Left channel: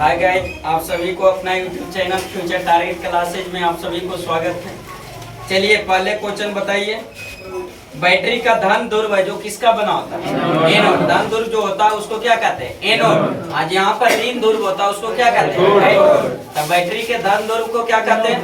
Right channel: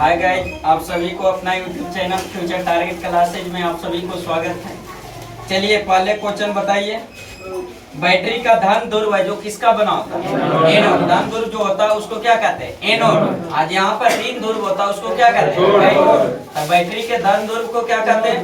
Hi guys, आप सभी को अपना YouTube channel future target classes में आप सभी को स्वागत है। चलिए पहले क्वेश्चन बताइए। बैटरी का धन ध्रुव है जो किसका बना होता है? एनोड। धन ध्रुव जो होता है उसको क्या कहते हैं? एनोड। आज यहाँ पर ऋण ध्रुव होता है उसको क्या कहते हैं? तो बैटरी के धन ध्रुव को क्या कहते हैं?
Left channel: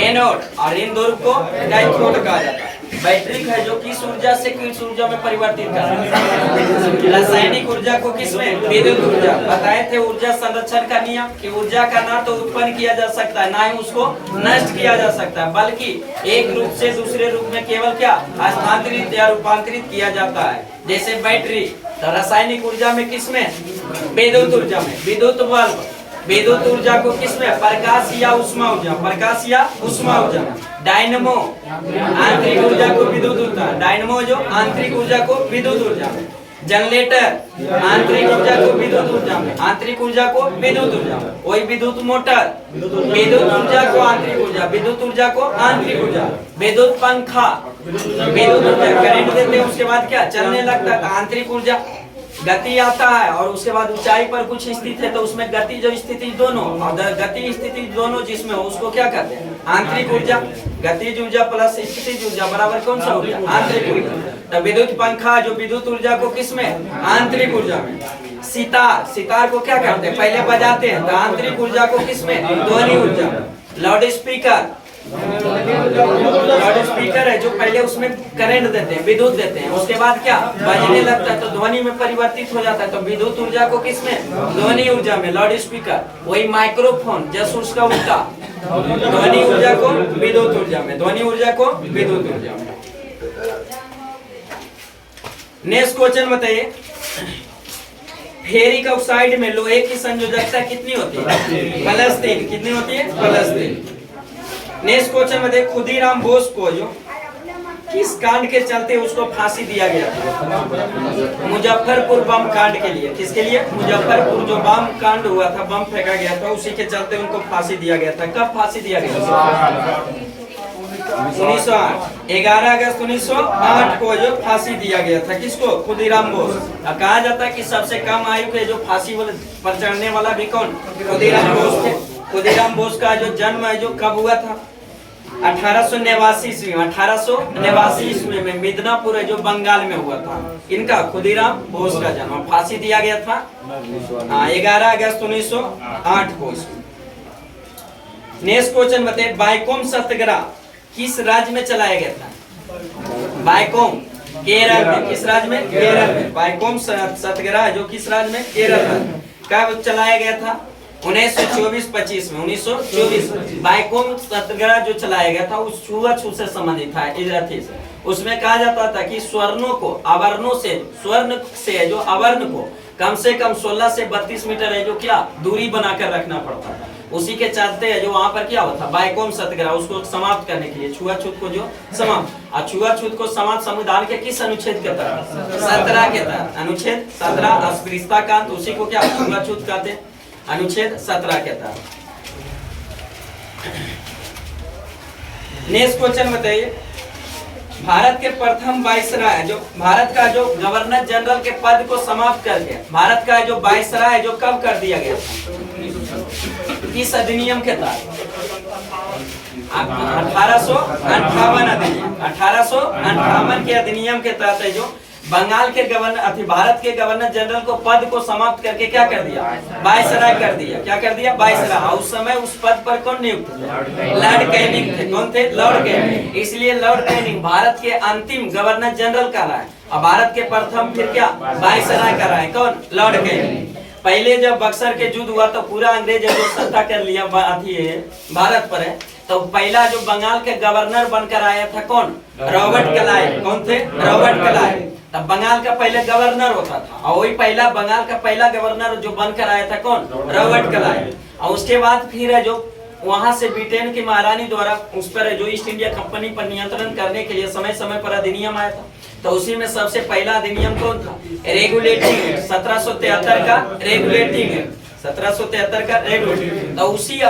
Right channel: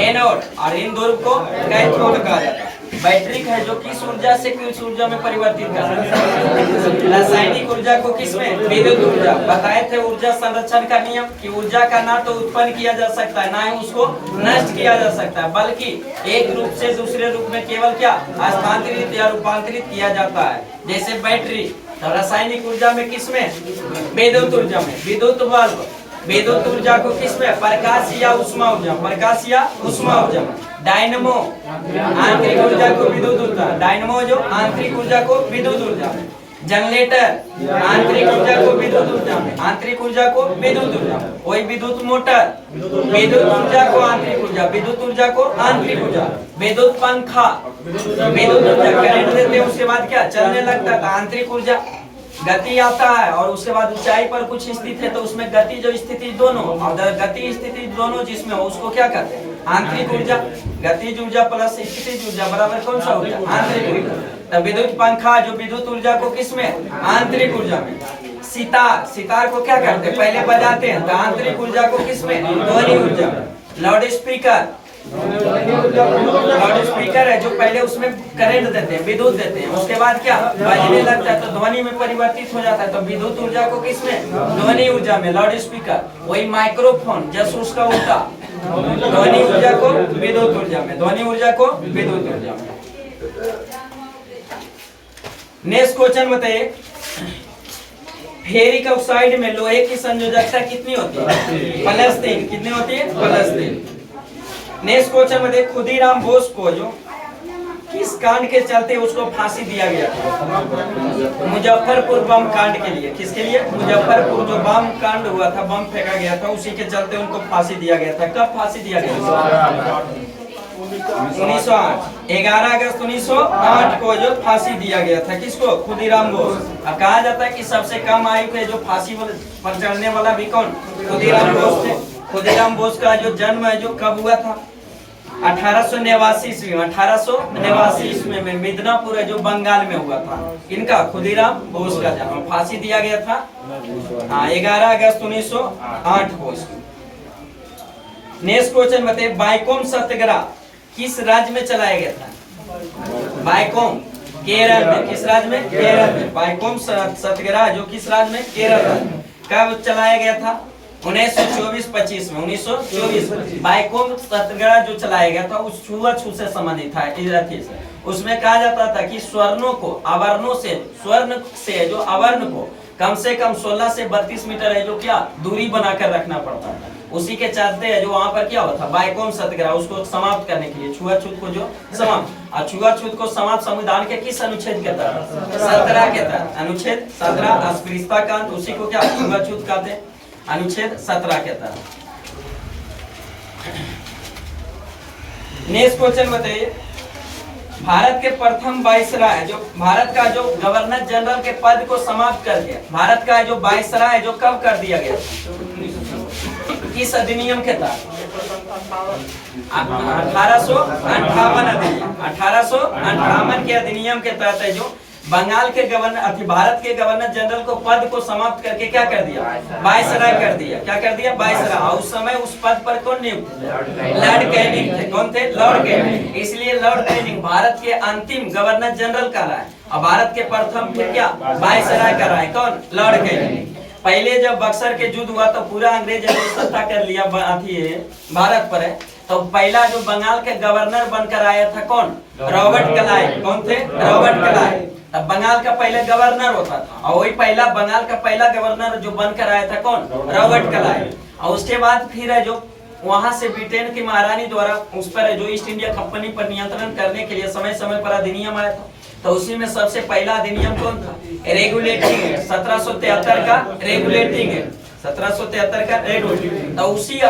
एनोड। और ऋण ध्रुव को कैथोड कहा जाता है। बैटरी है जो किस ऊर्जा से किस ऊर्जा में परिवर्तित करता है? रासायनिक ऊर्जा को किसमें? विद्युत ऊर्जा। बताए थे ऊर्जा संरक्षण का नियम कि ऊर्जा का ना तो उत्पन्न किया जा सकता है ना ही उसको नष्ट किया जा सकता है, बल्कि एक रूप से दूसरे रूप में केवल क्या स्थानांतरित या रूपांतरित किया जाता है। जैसे बैटरी तो रासायनिक ऊर्जा में किसमें? विद्युत ऊर्जा में। विद्युत बल्ब विद्युत ऊर्जा को किसमें? प्रकाश या उष्मा ऊर्जा। प्रकाश या उष्मा ऊर्जा में। डायनमो आंतरिक ऊर्जा को विद्युत ऊर्जा। डायनमो जो आंतरिक ऊर्जा को विद्युत ऊर्जा में। जनरेटर आंतरिक ऊर्जा को विद्युत ऊर्जा में। आंतरिक ऊर्जा को विद्युत ऊर्जा में। वही विद्युत मोटर विद्युत ऊर्जा को आंतरिक ऊर्जा, विद्युत ऊर्जा को आंतरिक ऊर्जा। विद्युत पंखा विद्युत ऊर्जा, करंट देते हैं उसके बाद क्या चलने लगता है, आंतरिक ऊर्जा। गति आता है और उसके बाद ऊंचाई पर कुछ स्थित है तो उसमें गति जो स्थिति दोनों, अगर गति स्थिति दोनों जिसमें हो उसको क्या कहते हैं? आंतरिक ऊर्जा। गतिज ऊर्जा प्लस स्थितिज ऊर्जा बराबर कौन सा हो गया? आंतरिक ऊर्जा। तो विद्युत पंखा जो विद्युत ऊर्जा को किसमें? आंतरिक ऊर्जा में। सितार सितार को क्या करते हैं? पहले बजाते हैं तो आंतरिक ऊर्जा को किसमें? ध्वनि ऊर्जा। लाउड स्पीकर लाउड स्पीकर है जो पहले उसमें करंट देते हैं, विद्युत देते हैं, उसके बाद क्या बजने लगता है तो ध्वनि में परिवर्तित हो जाता है। तो विद्युत ऊर्जा को किसमें? ध्वनि ऊर्जा में। Loud speaker. वही माइक्रोफोन जस्ट उसका उल्टा, ध्वनि ऊर्जा को विद्युत ऊर्जा में, ध्वनि ऊर्जा को विद्युत ऊर्जा में। नेक्स्ट क्वेश्चन बताइए। फेरिक ऑक्साइड में लोहे की संयोजकता कितनी होती है? +3। कितनी होती है? +3। नेक्स्ट क्वेश्चन में देख, खुदीराम बोस को जो किस कांड के चलते उसको फांसी दिया गया था? मुजफ्फरपुर बम कांड के लिए। किसके लिए? मुजफ्फरपुर जो बम कांड हुआ था, बम फेंका गया था, उसी के चलते उनको फांसी दिया गया था। कब फांसी दिया गया था? 1908। 11 अगस्त 1908 को जो फांसी दिया गया था। किसको? खुदीराम बोस। अब कहा जाता है कि सबसे कम आयु के जो फांसी पर चढ़ने वाला भी कौन? खुदीराम बोस थे। खुदीराम बोस का जो जन्म है जो कब हुआ था? 1889 ईस्वी में। 1889 ईस्वी में मिदनापुर है जो बंगाल में हुआ था। इनका खुदीराम बोस का जन्म, फांसी दिया गया था 11 अगस्त 1908 को। नेक्स्ट क्वेश्चन बताइए। बाइकोम सत्याग्रह किस राज्य में चलाया गया था? बाइकोम केरल में। किस राज्य में? केरल में। बाइकोम सत्याग्रह जो किस राज्य में? केरल में। कब चलाया गया था? 1924-25 में। 1924 बाइकोम सत्याग्रह जो चलाया गया था उस छुआछूत से संबंधित था। उसमें कहा जाता था कि स्वर्णों को आवर्णों से, स्वर्ण से जो आवरण को कम से कम 16 से 32 मीटर है जो क्या दूरी बनाकर रखना पड़ता था। उसी के चलते जो वहां पर क्या हुआ था? बाइकोम सत्याग्रह, उसको समाप्त करने के लिए छुआछूत को जो समाप्त, और छुआछूत को समाप्त संविधान के किस अनुच्छेद के तहत? 17 के तहत। अनुच्छेद 17 अस्पृश्यता कांड, उसी को क्या छुआछूत कहते हैं? अनुच्छेद 17 के तहत। नेक्स्ट क्वेश्चन बताइए। भारत के प्रथम वाइसराय जो भारत का जो गवर्नर जनरल के पद को समाप्त कर दिया, भारत का जो वाइसराय जो कब कर दिया गया था? किस अधिनियम के तहत? 1858 अधिनियम। 1858 के अधिनियम के तहत है जो बंगाल के गवर्नर भारत के गवर्नर जनरल को पद को समाप्त करके क्या कर दिया? वाइसराय कर दिया। क्या कर दिया? वाइसराय। उस समय उस पद पर कौन नियुक्त थे? लॉर्ड कैनिंग थे। कौन थे? Lord Canning. इसलिए लॉर्ड कैनिंग भारत के अंतिम गवर्नर जनरल का रहा है और भारत के प्रथम फिर क्या वाइसराय का रहा है। कौन? Lord Canning. पहले जब बक्सर के युद्ध हुआ तो पूरा अंग्रेज ने सत्ता कर लिया भारत पर है, तो पहला जो बंगाल के गवर्नर बनकर आया था कौन? Robert Clive. कौन थे? Robert Clive. तब बंगाल का पहले गवर्नर होता था और वही पहला बंगाल का पहला गवर्नर जो बनकर आया था कौन? Robert Clive. और उसके बाद फिर है जो वहां से ब्रिटेन की महारानी द्वारा उस पर जो ईस्ट इंडिया कंपनी पर नियंत्रण करने के लिए समय समय पर अधिनियम आया था। तो उसी में सबसे पहला अधिनियम कौन था? रेगुलेटिंग एक्ट 1773 का रेगुलेटिंग एक्ट 1773 का रेगुलेटिंग। तो उसी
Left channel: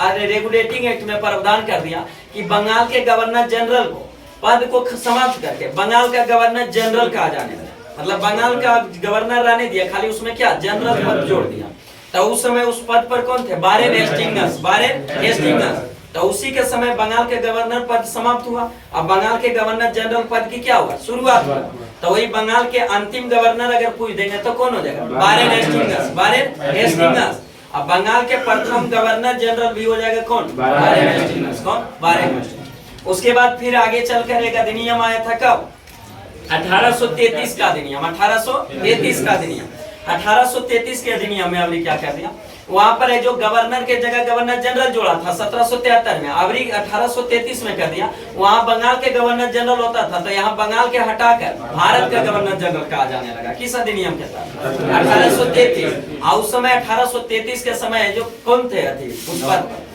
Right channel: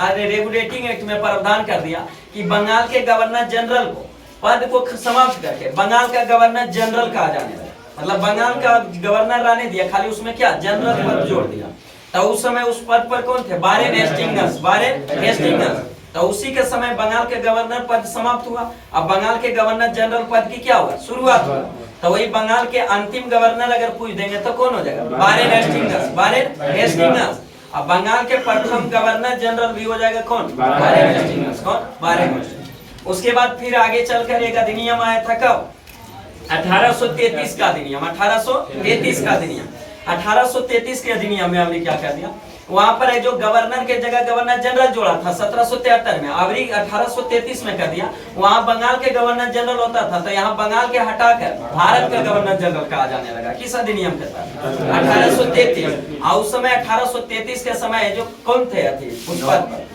रेगुलेटिंग एक्ट में प्रावधान कर दिया कि बंगाल के गवर्नर जनरल को पद को समाप्त करके बंगाल का गवर्नर जनरल कहा जाने लगा। मतलब बंगाल का गवर्नर रहने दिया, खाली उसमें क्या जनरल पद जोड़ दिया। तो उस समय उस पद पर कौन थे? Warren Hastings, Warren Hastings. तो उसी के समय बंगाल के गवर्नर पद समाप्त हुआ। अब बंगाल के गवर्नर जनरल पद की क्या हुआ? शुरुआत हुआ। तो वही बंगाल के अंतिम गवर्नर अगर पूछ देंगे तो कौन हो जाएगा? Warren Hastings, Warren Hastings. अब बंगाल के प्रथम गवर्नर जनरल भी हो जाएगा कौन? Warren Hastings. कौन? Warren Hastings. उसके बाद फिर आगे चलकर एक अधिनियम आया था, कब? 1833 का अधिनियम, 1833 का अधिनियम। 1833 के अधिनियम में हमने क्या कर दिया, वहां पर है जो गवर्नर के जगह गवर्नर जनरल जोड़ा था 1773 में, अभी 1833 में कर दिया। वहां बंगाल के गवर्नर जनरल होता था, तो यहाँ बंगाल के हटाकर भारत का गवर्नर जनरल कहा जाने लगा। किस अधिनियम के तहत? 1833। और उस समय 1833 के समय जो कौन थे उस पद पर?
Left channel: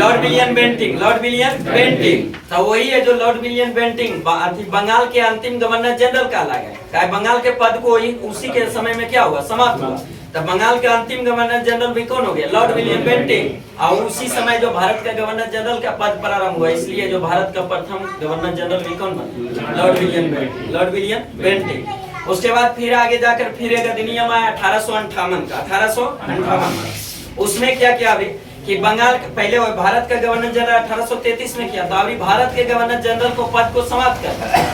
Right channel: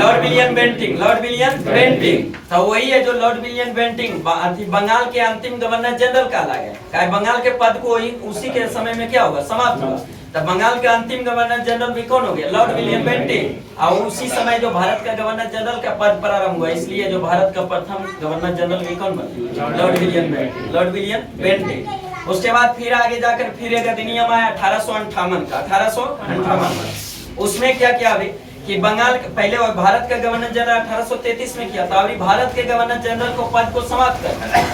Lord William Bentinck, lord William Bentinck. तो वही है जो लॉर्ड विलियम बेंटिंग बंगाल के अंतिम गवर्नर जनरल कहला गया। बंगाल के पद को उसी के समय में क्या हुआ? समाप्त हुआ। तब बंगाल का अंतिम गवर्नर जनरल भी कौन हो गया? Lord William Bentinck. और उसी समय जो भारत का गवर्नर जनरल का पद प्रारंभ हुआ, इसलिए जो भारत का प्रथम गवर्नर जनरल भी कौन बना? Lord William Bentinck, lord William Bentinck. उसके बाद फिर आगे जाकर फिर एक अधिनियम आया 1858 का, 1858। उसमें क्या किया अभी कि बंगाल पहले भारत का गवर्नर जनरल 1833 में किया था, अभी भारत के गवर्नर जनरल को पद को समाप्त कर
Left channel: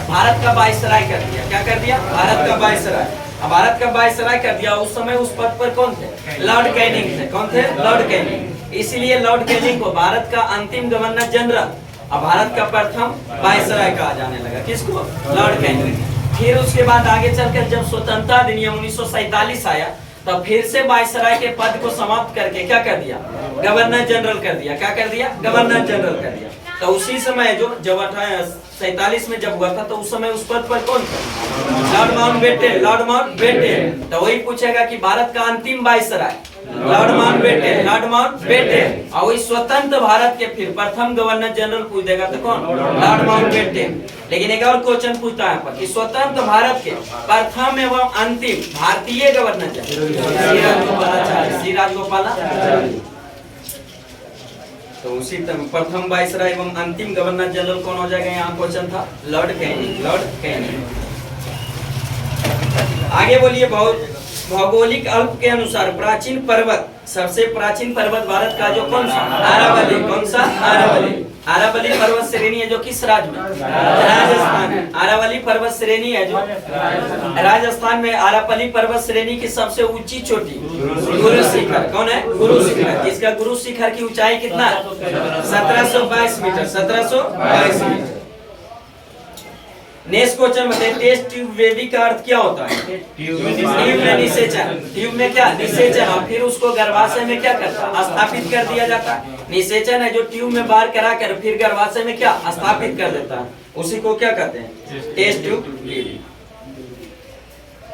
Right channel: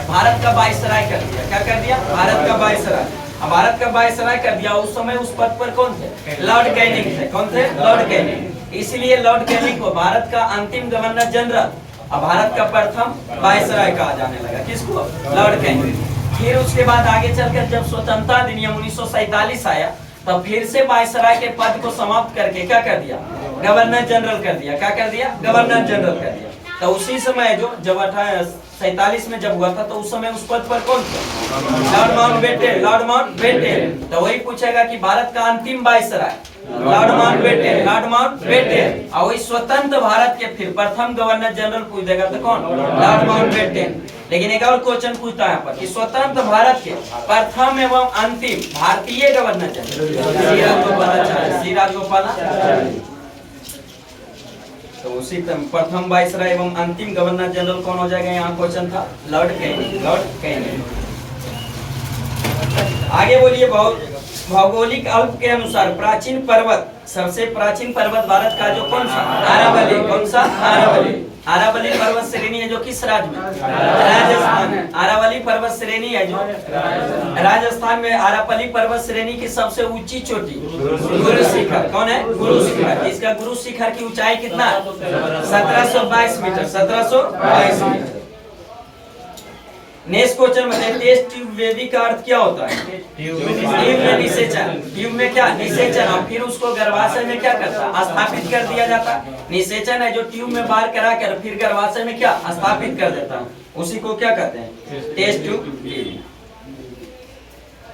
भारत का वायसराय कर दिया। क्या कर दिया? भारत का वायसराय। अब भारत का वायसराय कर दिया। उस समय उस पद पर कौन थे? लॉर्ड कैनिंग थे। कौन थे? Lord Canning. इसलिए लॉर्ड कैनिंग को भारत का अंतिम गवर्नर जनरल और भारत का प्रथम वायसराय कहा जाने लगा। किसको? Lord Canning. फिर उसके बाद आगे चलकर जब स्वतंत्रता अधिनियम 1947 आया, तब फिर से वायसराय के पद को समाप्त करके क्या कर दिया? गवर्नर जनरल कर दिया। क्या कर दिया? गवर्नर जनरल कर दिया। तो उसी समय जो जब 1847 में जब हुआ था, तो उस समय उस पद पर कौन थे? Lord Mountbatten, Lord Mountbatten. तो वही पूछेगा कि भारत का अंतिम viceroy Lord Mountbatten, Lord Mountbatten. और वही स्वतंत्र भारत के फिर प्रथम गवर्नर जनरल पूछ देगा तो कौन? Lord Mountbatten. लेकिन एक और क्वेश्चन पूछता है यहाँ पर कि स्वतंत्र भारत के प्रथम एवं अंतिम भारतीय गवर्नर जनरल श्री राजगोपालाचारी। तो उसी प्रथम वायसराय एवं अंतिम गवर्नर जनरल कौन हो जाएगा? यहाँ क्वेश्चन था लॉर्ड कैनिंग, लॉर्ड कैनिंग। आगे बोलिए, भौगोलिक अल्प के अनुसार प्राचीन पर्वत, सबसे प्राचीन पर्वत भारत का जो कौन सा? अरावली। कौन सा? अरावली। अरावली पर्वत श्रेणी है जो किस राज्य में? राजस्थान में। अरावली पर्वत श्रेणी है जो राजस्थान में। अरावली पर्वत श्रेणी की सबसे ऊंची चोटी गुरु शिखर। कौन है? गुरु शिखर। इसका गुरु शिखर की ऊंचाई कितना है? 1722 मीटर, 1722 मीटर। नेक्स्ट क्वेश्चन बताइए, टेस्ट ट्यूब बेबी का अर्थ क्या होता है? ट्यूब में निषेचन। ट्यूब में क्या? निषेचन। फिर उसको गर्भाशय में क्या करता है? स्थापित कर दिया जाता है। निषेचन है जो ट्यूब में बाहर करा कर फिर गर्भाशय में क्या? स्थापित कर देता है, उसी को क्या कहते हैं? Test tube baby.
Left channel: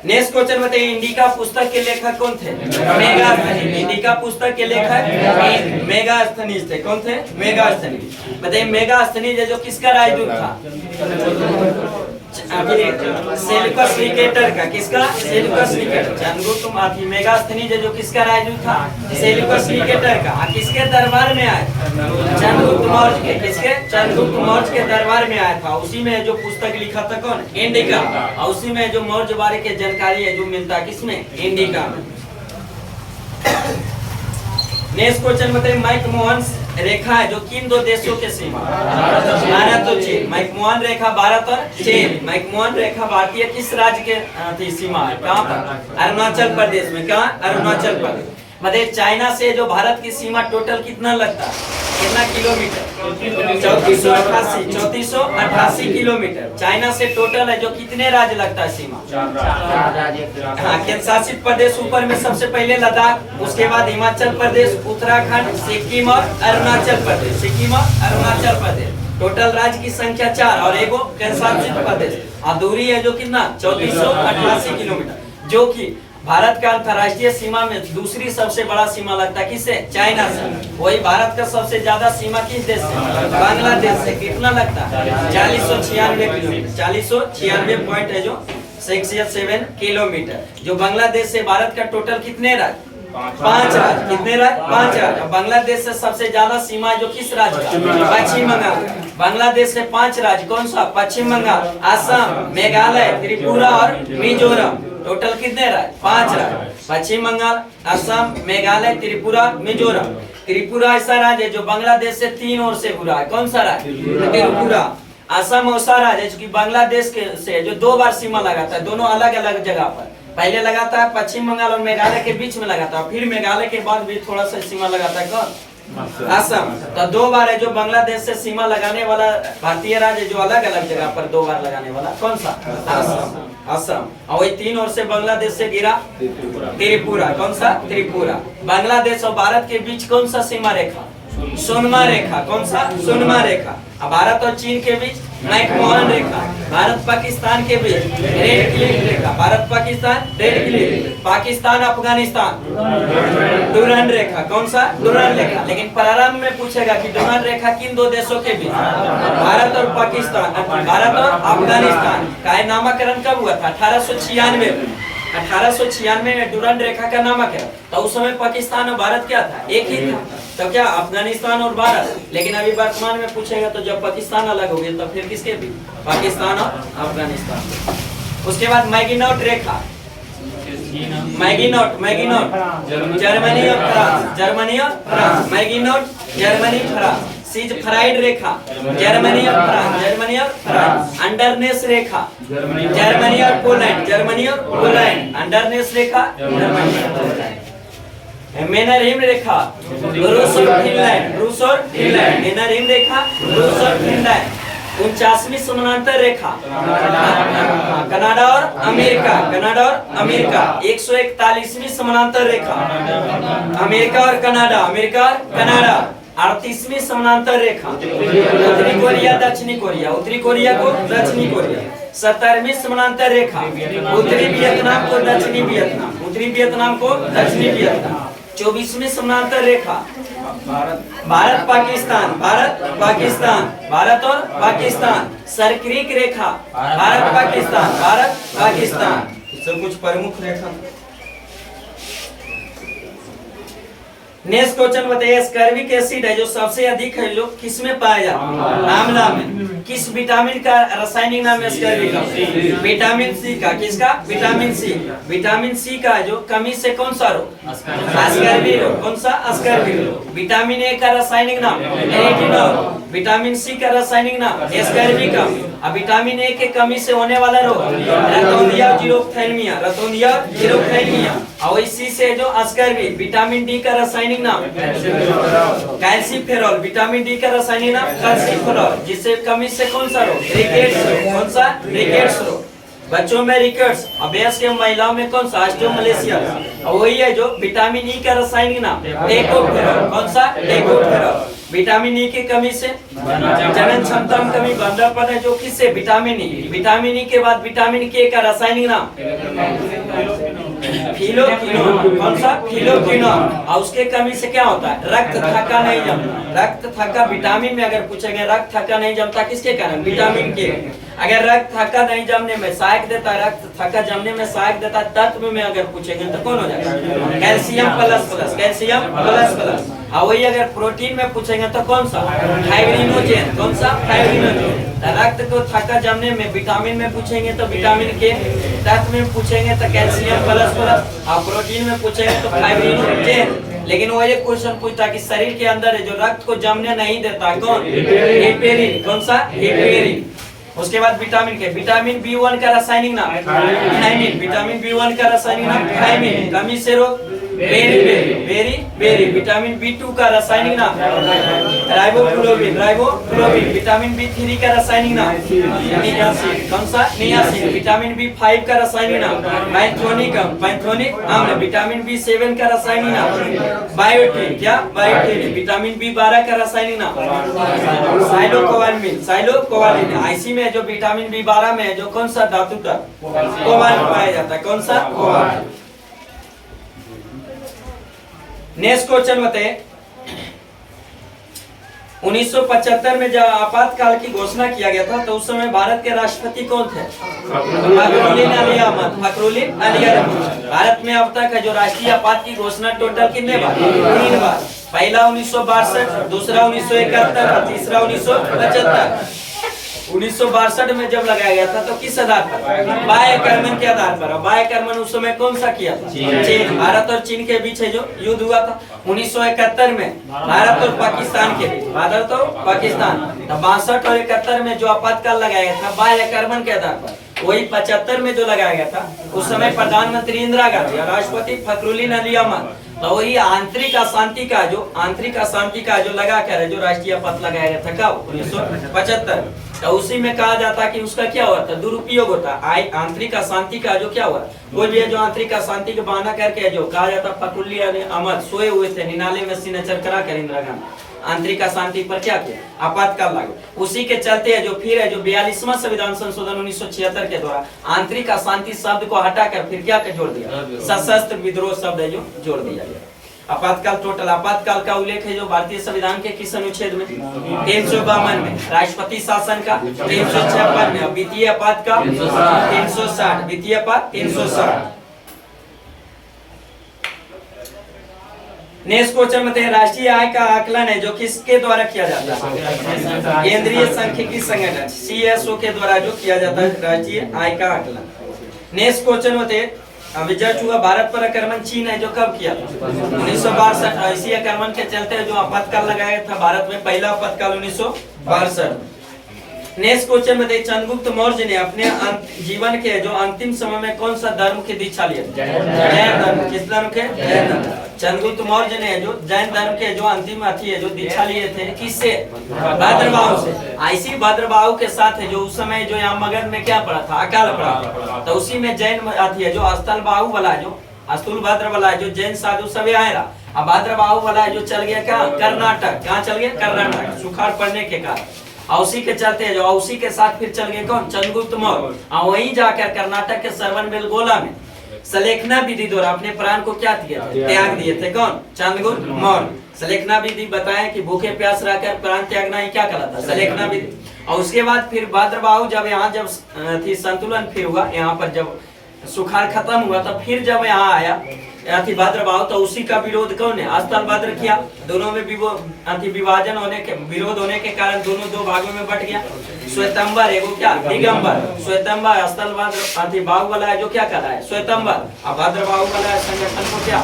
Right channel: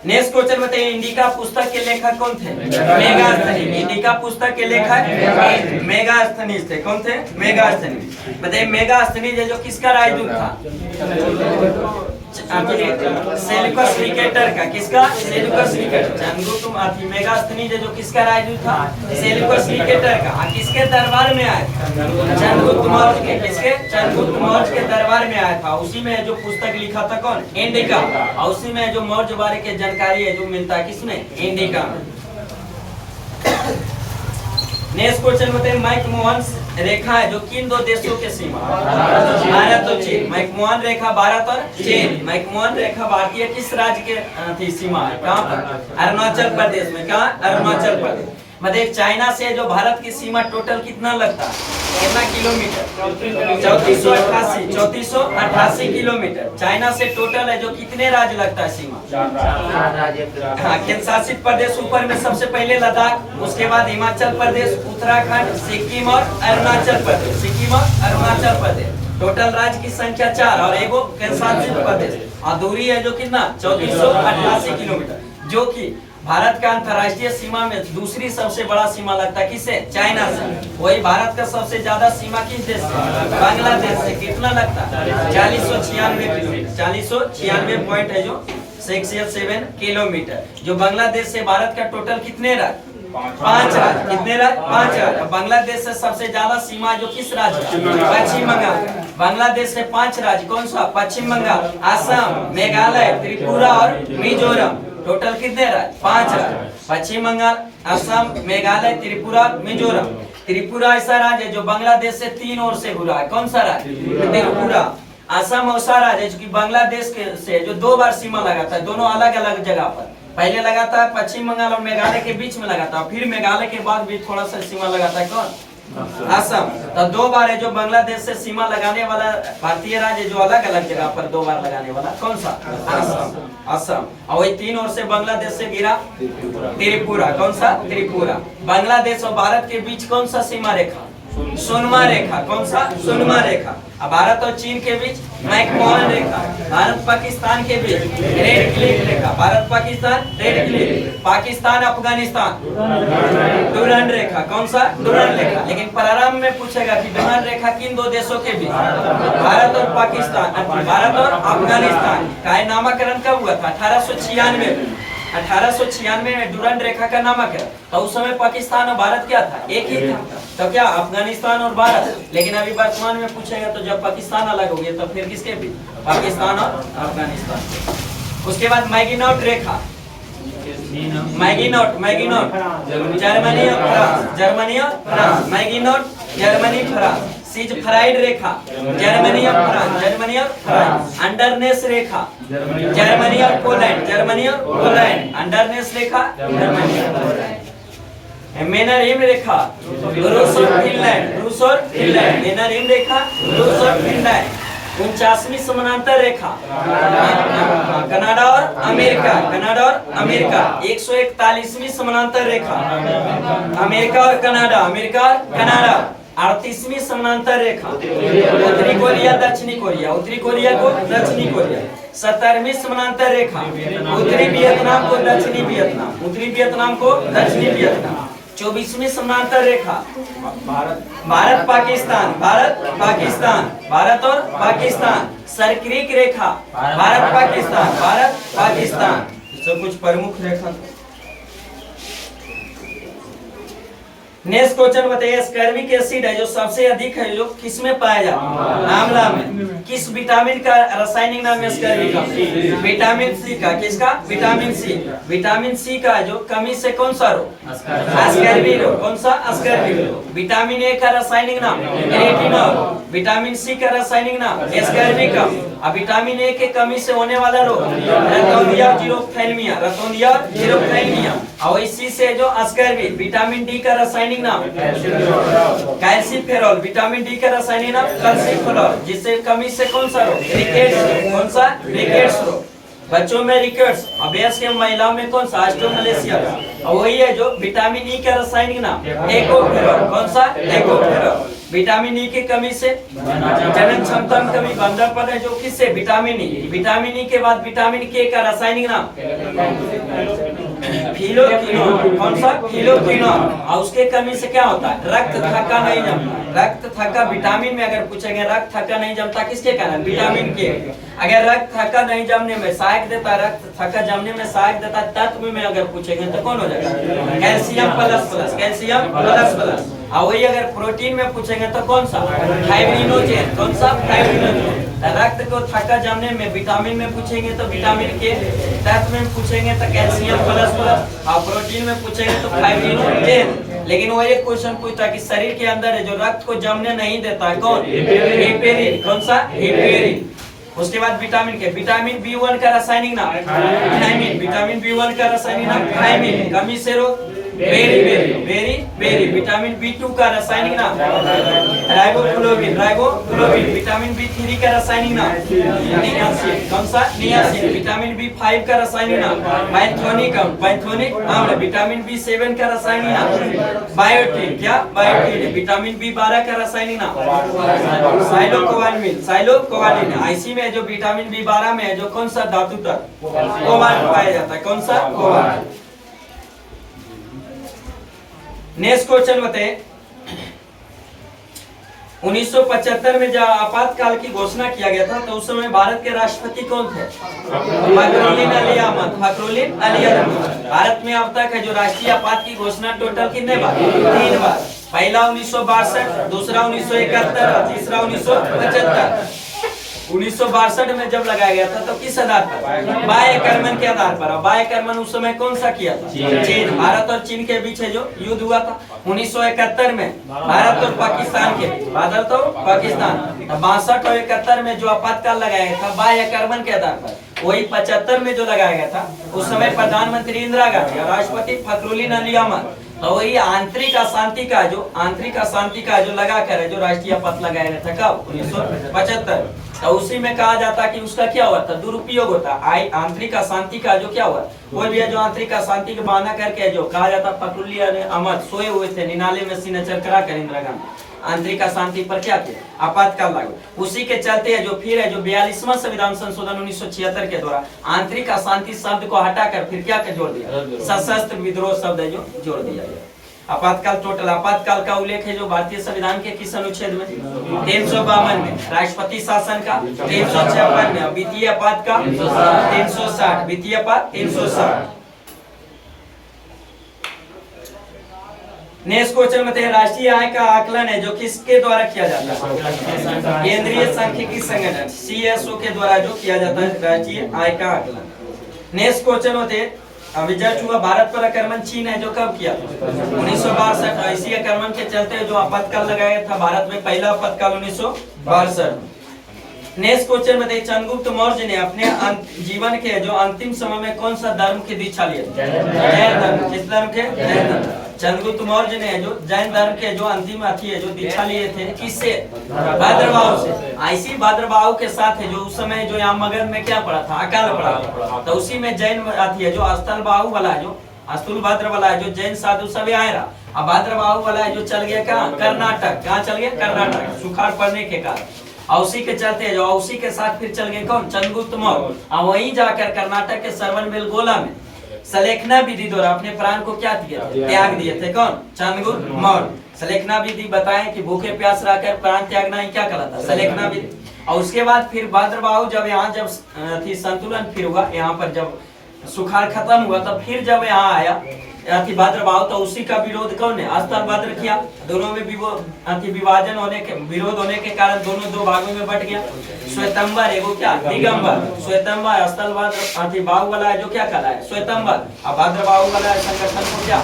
Next question बताइए, इंडिका पुस्तक के लेखक कौन थे? मेगास्थनीज। इंडिका पुस्तक के लेखक मेगास्थनीज थे। कौन थे? मेगास्थनीज। बताइए, मेगास्थनीज है जो किसका राजदूत था? सेल्यूकस निकेटर का। किसका? Seleucus Nicator. चंद्रगुप्त मेगास्थनीज है जो किसका राजदूत था? सेल्यूकस निकेटर का। किसके दरबार में आए? चंद्रगुप्त मौर्य के। किसके? चंद्रगुप्त मौर्य के दरबार में आया था। उसी में जो पुस्तक लिखा था कौन? इंडिका। और उसी में जो मौर्य बारे के जानकारी है जो मिलता है किसमें? इंडिका में। नेक्स्ट क्वेश्चन बताइए, मैकमोहन रेखा है जो किन दो देशों के सीमा? भारत और चीन। मैकमोहन रेखा भारत और चीन। मैकमोहन रेखा भारतीय किस राज्य के सीमा है? कहाँ पर? अरुणाचल प्रदेश में। कहाँ? अरुणाचल प्रदेश। मतलब चाइना से जो भारत की सीमा टोटल कितना लगता है? कितना किलोमीटर? 3488 किलोमीटर। चाइना से टोटल है जो कितने राज्य लगता है सीमा? हाँ, केंद्र शासित प्रदेश ऊपर में सबसे पहले लद्दाख, उसके बाद हिमाचल प्रदेश, उत्तराखंड, सिक्किम और अरुणाचल प्रदेश। सिक्किम और अरुणाचल प्रदेश। टोटल राज्य की संख्या 4 और एगो केंद्र शासित प्रदेश। और दूरी है जो कितना? 3488 किलोमीटर, जो कि भारत का अंतरराष्ट्रीय सीमा में दूसरी सबसे बड़ा सीमा लगता है किससे? चाइना से। वही भारत का सबसे ज्यादा सीमा किस देश से? बांग्लादेश से। कितना लगता है? 4096 किलोमीटर। 4096 पॉइंट है जो 67 किलोमीटर। जो बांग्लादेश से भारत का टोटल कितने राज्य? 5 राज्य। कितने राज्य? 5 राज्य। बांग्लादेश से सबसे ज्यादा सीमा जो किस राज्य का? पश्चिम बंगाल। बांग्लादेश से 5 राज्य। कौन सा? पश्चिम बंगाल, असम, मेघालय, त्रिपुरा और मिजोरम। टोटल कितने राज्य? 5 राज्य। पश्चिम बंगाल, असम, मेघालय, त्रिपुरा, मिजोरम। त्रिपुरा ऐसा राज्य है जो बांग्लादेश से 3 ओर से घुरा है। कौन सा राज्य? त्रिपुरा। असम ऐसा राज्य है जो कि बांग्लादेश के से जो 2 बार सीमा लगाता है, दोनों अलग अलग जगह पर। पहले लगाता है पश्चिम बंगाल और मेघालय के बीच में लगाता है, फिर मेघालय के बाद भी थोड़ा सा सीमा लगाता है। कौन? असम। तो 2 बार है जो बांग्लादेश से सीमा लगाने वाला भारतीय राज्य जो अलग अलग जगह पर 2 बार लगाने वाला। कौन सा? असम। असम। और वही 3 ओर से बांग्लादेश से गिरा त्रिपुरा। कौन सा? त्रिपुरा। बांग्लादेश और भारत के बीच कौन सा सीमा रेखा? सुनमा रेखा। कौन सा? सुनमा रेखा। अब भारत और चीन के बीच मैकमोहन रेखा। भारत पाकिस्तान के बीच रेड क्लिफ रेखा। Bharat Pakistan Radcliffe. Pakistan Afghanistan Durand रेखा। कौन सा? डुरंड रेखा। लेकिन प्रारंभ में पूछेगा कि डुरंड रेखा किन 2 देशों के बीच? भारत और पाकिस्तान, भारत और अफगानिस्तान का नामकरण कब हुआ था? 1896 में डुरंड रेखा का नामकरण। तो उस समय पाकिस्तान और भारत क्या था? एक ही था। तो क्या अफगानिस्तान और भारत? लेकिन अभी वर्तमान में पूछेगा तो जब पाकिस्तान अलग हो गया तो फिर किसके बीच? पाकिस्तान और अफगानिस्तान। उसके बाद मैगिनोट रेखा। मैगिनोट, मैगिनोट जर्मनी और फ्रांस, जर्मनी और France. Maginot Germany France. Siegfried रेखा जर्मनी और फ्रांस, जर्मनी और फ्रांस। अंडरनेस रेखा जर्मनी और पोलैंड, जर्मनी और पोलैंड। अंडरनेस रेखा जर्मनी और पोलैंड। मेनरिम रेखा रूस और फिनलैंड, रूस और फिनलैंड। मेनरिम रेखा रूस और फिनलैंड। 49वीं समानांतर रेखा कनाडा और अमेरिका, कनाडा और अमेरिका। 141वीं समानांतर रेखा अमेरिका और कनाडा, अमेरिका और कनाडा। 38वीं समानांतर रेखा उत्तरी कोरिया दक्षिणी कोरिया, उत्तरी कोरिया को दक्षिणी कोरिया। 70वीं समानांतर रेखा उत्तरी वियतनाम को दक्षिणी वियतनाम, उत्तरी वियतनाम को दक्षिणी वियतनाम। 24वीं समानांतर रेखा भारत पाकिस्तान, भारत पाकिस्तान, भारत और पाकिस्तान। सर्क्रिक रेखा भारत पाकिस्तान, भारत पाकिस्तान। तो कुछ प्रमुख रेखा। नेक्स्ट क्वेश्चन बताइए, स्कर्विक एसिड है जो सबसे अधिक है जो किस में पाया जाता है? आंवला में। किस विटामिन का रासायनिक नाम है स्कर्विक? विटामिन सी का। किसका? Vitamin C. विटामिन सी का जो कमी से कौन सा रोग? स्कर्वी रोग। कौन सा? स्कर्वी रोग। विटामिन ए का रासायनिक नाम रेटिनॉल। विटामिन सी का रासायनिक नाम स्कर्विका। अब विटामिन ए के कमी से होने वाला रोग रतौंधिया जीरोफ्थैल्मिया, रतौंधिया जीरोफ्थैल्मिया। और इसी से जो स्कर्वी। विटामिन डी का रासायनिक नाम कैल्सीफेरॉल, विटामिन डी का रासायनिक नाम कैल्सीफेरॉल। जिससे कमी से कौन सा रोग? रिकेट्स रोग। कौन सा? रिकेट्स रोग। बच्चों में रिकेट्स और वयस्क महिलाओं में कौन सा? ऑस्टियोमलेशिया। और वही है जो विटामिन ई का रासायनिक नाम टेकोफेरॉल। कौन सा? टेकोफेरॉल। विटामिन ई की कमी से जनन क्षमता में कमी, बंधपन है जो किससे? Vitamin E. विटामिन ई के बाद विटामिन के का रासायनिक नाम फिलोक्विनोन। कौन सा? फिलोक्विनोन। और उसके कमी से क्या होता है? रक्त थक्का नहीं जमता। रक्त थक्का विटामिन में अगर पूछेंगे रक्त थक्का नहीं जमता किसके कारण? विटामिन के। अगर रक्त थक्का नहीं जमने में सहायक देता, रक्त थक्का जमने में सहायक देता तत्व में अगर पूछेंगे तो कौन हो जाएगा? Calcium plus plus, calcium plus plus. और वही अगर प्रोटीन में पूछेंगे तो कौन सा? फाइब्रिनोजेन। कौन सा? फाइब्रिनोजेन। रक्त को थक्का जमने में विटामिन में पूछेंगे तो विटामिन के, तत्व में पूछेंगे तो कैल्शियम प्लस प्लस, और प्रोटीन में पूछेंगे तो फाइब्रिनोजेन। लेकिन वो एक क्वेश्चन पूछता कि शरीर के अंदर है जो रक्त को जमने नहीं देता है कौन? हिपेरिन। कौन सा? हिपेरिन। उसके बाद विटामिन के, विटामिन B1 का रासायनिक नाम थायमिन। विटामिन B1 का रासायनिक नाम थायमिन। कमी से रोग बेरी। विटामिन B2 का रासायनिक नाम राइबोफ्लोविन, राइबोफ्लोविन। विटामिन B3 का रासायनिक नाम नियासिन। कौन सा? नियासिन। विटामिन B5 का रासायनिक नाम पैंथोनिक अम्ल। विटामिन B7 का रासायनिक नाम बायोटिन। क्या? बायोटिन। विटामिन B12 का रासायनिक नाम साइलोकोबालामिन, साइलोकोबालामिन। आईसी में जो विटामिन B12 में है जो कौन सा धातु कोबाल्ट पाया जाता है? कौन सा? कोबाल्ट। नेक्स्ट क्वेश्चन बताइए, 1975 में जब आपातकाल की घोषणा किया गया था तो उस समय भारत के राष्ट्रपति कौन थे? फखरुद्दीन अली अहमद, फखरुद्दीन अली अहमद। भारत में अब तक है जो राष्ट्रीय आपात की घोषणा टोटल कितने बार? 3 बार। पहला 1962, दूसरा 1971 और तीसरा 1975। 1962 में जब लगाया गया था तो किस आधार पर? बाह्य कर्मन के आधार पर। बाह्य कर्मन उस समय कौन सा किया था? चीन। भारत और चीन के बीच जो युद्ध हुआ था 1971 में, भारत और पाकिस्तान के बीच, भारत और पाकिस्तान। 62 और 71 में जो आपातकाल लगाया गया था बाह्य कर्मन के आधार पर, वही 75 में जो लगाया गया था उस समय प्रधानमंत्री इंदिरा गांधी और राष्ट्रपति फखरुद्दीन अली अहमद, तो वही आंतरिक अशांति का जो लगा कर जो राष्ट्रीय पथ लगाया गया था कब? 1975। तो उसी में कहा जाता कि उसका क्या हुआ था? दुरुपयोग होता। आंतरिक अशांति का जो क्या हुआ, कोई भी जो आंतरिक अशांति का बहाना करके जो कहा जाता फखरुद्दीन अहमद सोए हुए थे निनाले में सिग्नेचर करा कर इंदिरा गांधी आंतरिक अशांति पर क्या किया? आपातकाल लागू। उसी के चलते जो फिर है जो 42वां संविधान संशोधन 1976 के द्वारा आंतरिक अशांति शब्द को हटाकर फिर क्या जोड़ दिया? सशस्त्र विद्रोह शब्द है जो जोड़ दिया गया। आपातकाल टोटल आपातकाल का उल्लेख है जो भारतीय संविधान के किस अनुच्छेद में? 352 में, राष्ट्रपति शासन का 356 में, वित्तीय आपात का 360, वित्तीय आपात 360। नेक्स्ट क्वेश्चन में राष्ट्रीय आय का आकलन है जो किसके द्वारा किया जाता है? केंद्रीय सांख्यिकी संगठन CSO के द्वारा जो किया जाता है राष्ट्रीय आय का आकलन। नेक्स्ट क्वेश्चन में अभी जस्ट हुआ भारत पर आक्रमण चीन है जो कब किया था? 1962। इसी आक्रमण के चलते जो आपातकाल लगाया था भारत में पहला आपातकाल 1962। नेक्स्ट क्वेश्चन में चंद्रगुप्त मौर्य ने अपने जीवन के जो अंतिम समय में कौन सा धर्म की दीक्षा लिया? जैन धर्म। किस धर्म के? जैन धर्म। चंद्रगुप्त मौर्य ने जो जैन धर्म के जो अंतिम अथी है जो दीक्षा लिए थे किससे? भद्रबाहु से। इसी भद्रबाहु के साथ है जो उस समय जो यहाँ मगध में क्या पड़ा था? अकाल पड़ा। तो उसी में जैन अथी है जो स्थलबाहु वाला जो स्थूलभद्र वाला जो जैन साधु सब आए रहा। अब भद्रबाहु वाला जो चल गया कहाँ? कर्नाटक। कहाँ चल गया? कर्नाटक। सुखाड़ पड़ने के कारण औसी के चलते जो औसी के साथ फिर चल गए कौन? चंद्रगुप्त मौर्य। वहीं जाकर कर्नाटक के श्रवणबेलगोला में सलेखना विधि द्वारा अपने प्राण को क्या किया? त्याग दिए थे। कौन? चंद्रगुप्त मौर्य। सलेखना विधि बताया कि भूखे प्यास रहकर प्राण त्यागना ही क्या कहलाता? सलेखना विधि। और उसके बाद फिर भद्रबाहु जब यहाँ जब संतुलन फिर हुआ, यहाँ पर जब सुखाड़ खत्म हुआ तो फिर जब यहाँ आया भद्रबाहु तो उसी का विरोध कौन है? स्थलभद्र किया। दोनों में विभाजन होने के विरोध होने के कारण दोनों दो भागों में बट गया। श्वेतंबर एगो क्या? दिगंबर। श्वेतंबर स्थलभद्र बाहु वाला है जो क्या करा है? श्वेतंबर। अब भद्रबाहु वाला संगठन को क्या?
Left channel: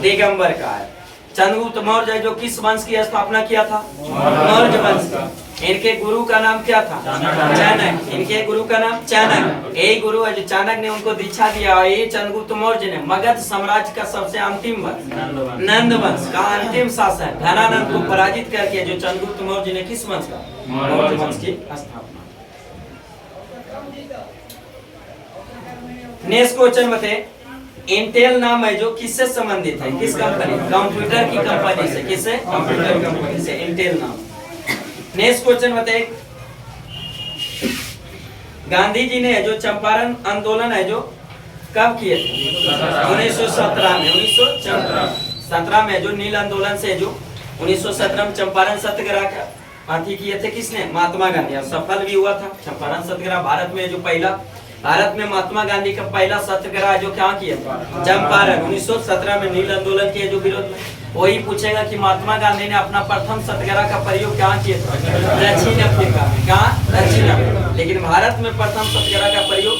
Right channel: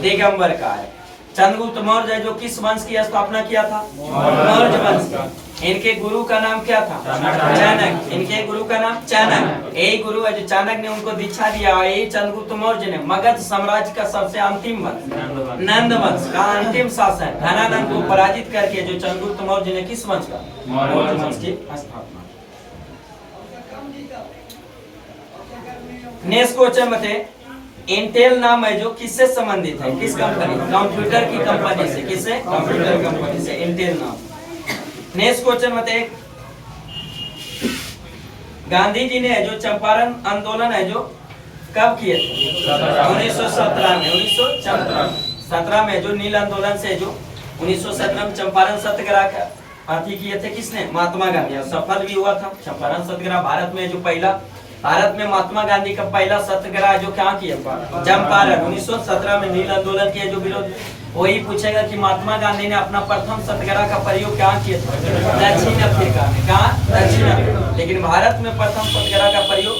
दिगंबर का है। चंद्रगुप्त मौर्य जो किस वंश की स्थापना किया था? मौर्य वंश। इनके गुरु का नाम क्या था? चाणक्य। इनके गुरु का नाम चाणक्य। यही गुरु है जो चाणक्य ने उनको दीक्षा दिया। यही चंद्रगुप्त मौर्य ने मगध साम्राज्य का सबसे अंतिम वंश नंद वंश का अंतिम शासक घनानंद को पराजित करके जो चंद्रगुप्त मौर्य ने किस वंश का? मौर्य वंश की स्थापना। नेक्स्ट क्वेश्चन बताइए इंटेल नाम है जो किससे संबंधित है? किस कंपनी? कंप्यूटर की कंपनी से। किससे? कंप्यूटर कंपनी से इंटेल नाम। नेक्स्ट क्वेश्चन बताइए गांधी जी ने जो चंपारण आंदोलन है जो कब किए थे? 1917 में। 1917 में जो नील आंदोलन से जो 1917 में चंपारण सत्याग्रह का अथी किए थे किसने? महात्मा गांधी। और सफल भी हुआ था चंपारण सत्याग्रह। भारत में जो पहला भारत में महात्मा गांधी का पहला सत्याग्रह जो क्या किया? चंपारण। 1917 में नील आंदोलन के जो विरोध। वही पूछेगा कि महात्मा गांधी ने अपना प्रथम सत्याग्रह का प्रयोग कहाँ किया था? दक्षिण अफ्रीका में। कहाँ? दक्षिण अफ्रीका। लेकिन भारत में प्रथम सत्याग्रह का प्रयोग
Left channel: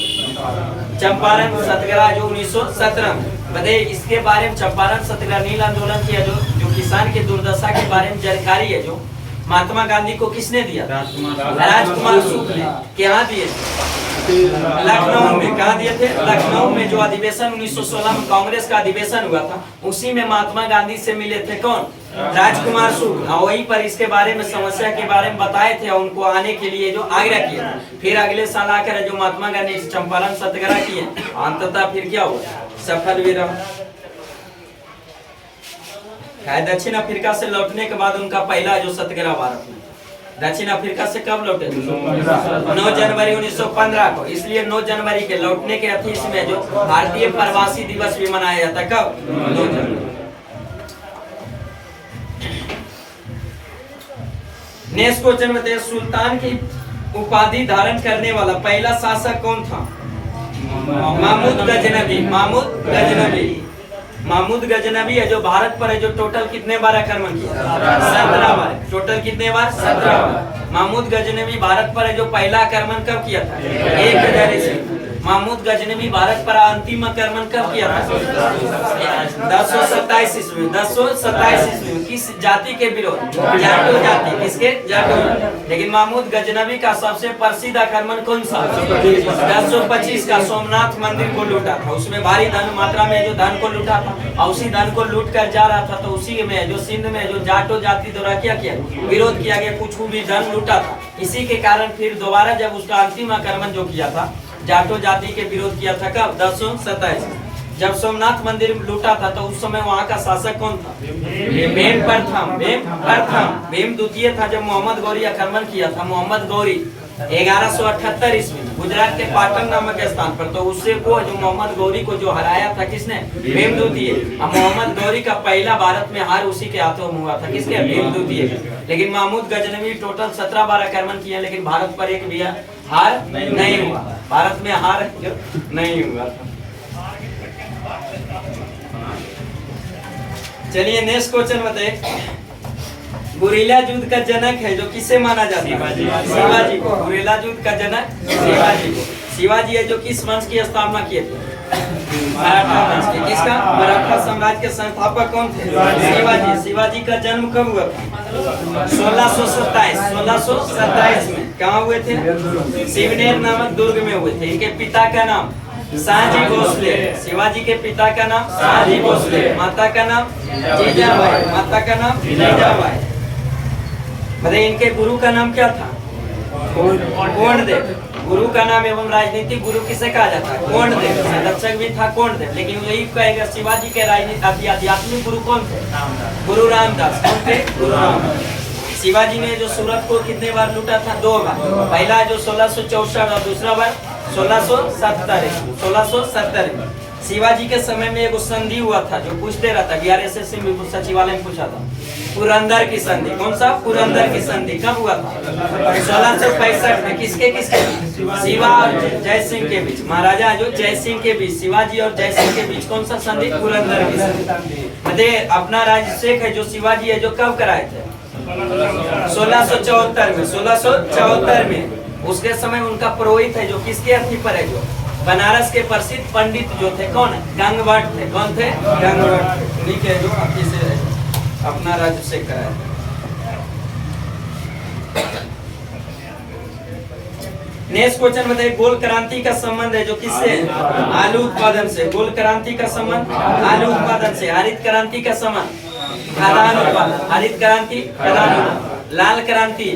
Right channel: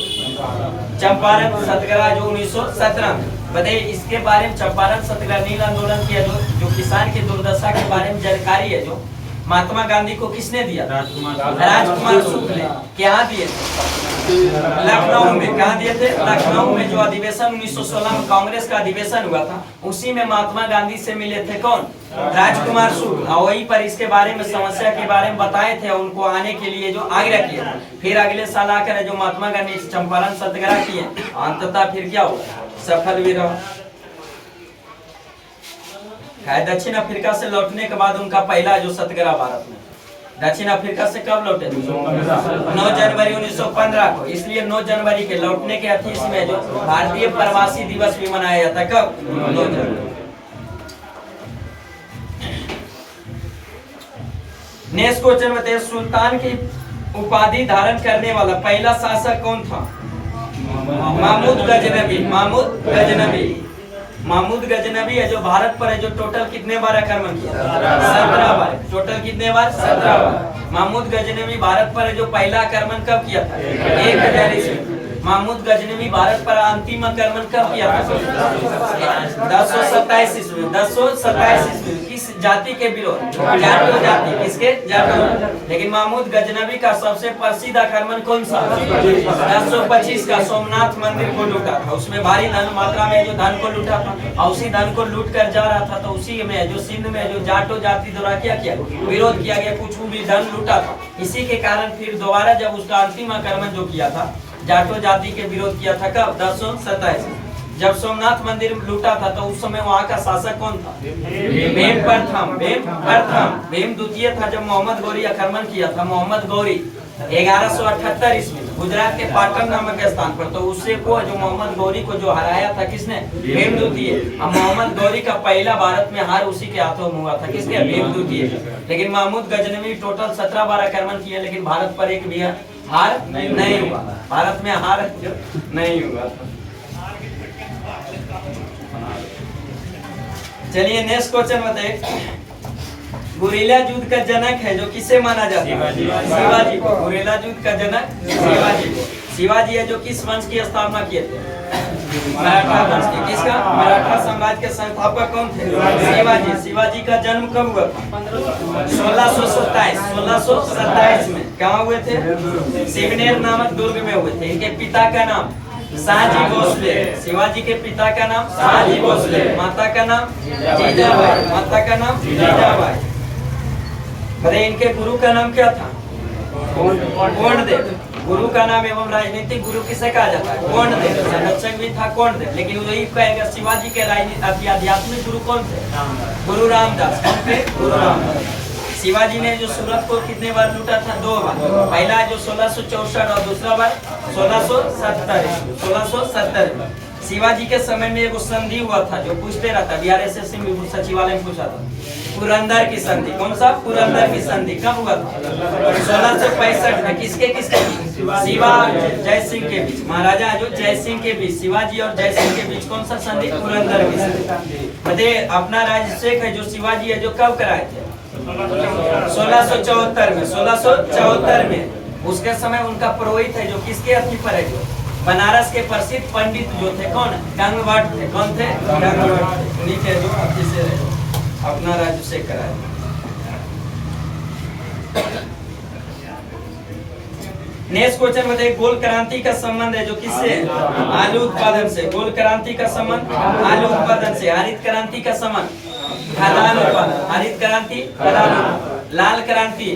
चंपारण सत्याग्रह जो 1917 में। बताइए इसके बारे में चंपारण सत्याग्रह नील आंदोलन किया जो किसान की दुर्दशा के बारे में जानकारी है जो महात्मा गांधी को किसने दिया? राजकुमार शुक्ल ने। क्या दिए थे? लखनऊ में। कहा दिए थे? लखनऊ में जो अधिवेशन 1916 में कांग्रेस का अधिवेशन हुआ था उसी में महात्मा गांधी से मिले थे कौन? राजकुमार शुक्ल। और वहीं पर इसके बारे में समस्या के बारे में बताए थे और उनको आने के लिए जो आग्रह किया। फिर अगले साल आकर जो महात्मा गांधी चंपारण सत्याग्रह किए अंततः फिर क्या हुआ? सफल भी रहा। दक्षिण अफ्रीका से लौटने के बाद उनका पहला जो सत्याग्रह भारत में। दक्षिण अफ्रीका से कब लौटे? 9 जनवरी 1915 को। इसलिए 9 जनवरी के लौटने के अतीत में जो भारतीय प्रवासी दिवस भी मनाया जाता है। कब? 9 जनवरी। नेक्स्ट क्वेश्चन बताइए सुल्तान की उपाधि धारण करने वाला पहला शासक कौन था? महमूद गजनवी। महमूद गजनवी। महमूद गजनवी है जो भारत पर है जो टोटल कितने बार आक्रमण किया? 17 बार। टोटल कितने बार? 17 बार। महमूद गजनवी भारत पर है जो पहला आक्रमण कब किया था? 1000 ईस्वी। महमूद गजनवी भारत पर अंतिम आक्रमण कब किया था? 1027 ईस्वी। 1027 ईस्वी। किस जाति के विरोध? जाटो जाति। किसके? जाटो। लेकिन महमूद गजनवी का सबसे प्रसिद्ध आक्रमण कौन सा? 1025 का सोमनाथ मंदिर को लूटा था। उसमें भारी धन मात्रा में जो धन को लूटा था और उसी धन को लूट कर जा रहा था, तो उसी में जो सिंध में जो जाटो जाति द्वारा क्या किया? विरोध किया गया, कुछ भी धन लूटा था। इसी के कारण फिर दोबारा जब उसका अंतिम आक्रमण जो किया था, जाटो जाति के विरोध किया था कब? 1027। जब सोमनाथ मंदिर लूटा था तो उस समय वहाँ का शासक कौन था? भीम प्रथम। भीम द्वितीय था। जब मोहम्मद गौरी आक्रमण किया था, मोहम्मद गौरी 1178 ईस्वी में गुजरात के पाटन नामक स्थान पर, तो उससे को जो मोहम्मद गौरी को जो हराया था किसने? भीम द्वितीय। अब मोहम्मद गौरी का पहला भारत में हार उसी के हाथों में हुआ था। किसके? भीम द्वितीय। लेकिन महमूद गजनवी टोटल 17 बार आक्रमण किया, लेकिन भारत पर एक भी हार नहीं हुआ। भारत में हार नहीं हुआ। चलिए नेक्स्ट क्वेश्चन बताइए। गुरिल्ला युद्ध का जनक है जो किसे माना जाता है? शिवाजी को। गुरिल्ला युद्ध का जनक शिवाजी को। शिवाजी है जो किस वंश की स्थापना किए थे? मराठा वंश के। किसका? मराठा साम्राज्य के संस्थापक कौन थे? शिवाजी। शिवाजी का जन्म कब हुआ था? 1627 में। कहाँ हुए थे? शिवनेर नामक दुर्ग में हुए थे। इनके पिता का नाम शाहजी भोसले। शिवाजी के पिता का नाम शाहजी भोसले। माता का नाम जीजाबाई। माता का नाम जीजाबाई। बताइए इनके गुरु का नाम क्या था? कोंडदेव। गुरु का नाम एवं राजनीतिक गुरु किसे कहा जाता है? कोंडदेव। संरक्षक भी था कोंडदेव। लेकिन यही कहेगा शिवाजी के राजनीतिक आध्यात्मिक गुरु कौन थे? गुरु रामदास। कौन थे? गुरु रामदास। शिवाजी ने जो सूरत को कितने बार लूटा था? 2 बार। पहला जो 1664 और दूसरा बार 1670। शिवाजी के समय में एक संधि हुआ था जो पूछते रहता, बिहार एसएससी में सचिवालय में पूछा था, पुरंदर की संधि। कौन सा? पुरंदर की संधि। कब हुआ था? 1665 में। किसके किसके? शिवा और जय सिंह के बीच। महाराजा जो जय सिंह के बीच, शिवाजी और जय सिंह के बीच कौन सा संधि? पुरंदर की संधि। बताइए अपना राज्यभिषेक है जो शिवाजी है जो कब कराए थे? 1674 में। 1674 में। उसके समय उनका पुरोहित है जो किसके अथी पर है? जो बनारस के प्रसिद्ध पंडित जो थे, कौन? गंगवट थे। कौन थे? गंगवट। ठीक है, जो आपकी से अपना राज्यभिषेक कराए। नेक्स्ट क्वेश्चन बताइए। गोल क्रांति का संबंध है जो किससे? आलू उत्पादन से। गोल क्रांति का संबंध आलू उत्पादन से। हरित क्रांति का संबंध खाद्यान्न उत्पादन। हरित क्रांति खाद्यान्न। लाल क्रांति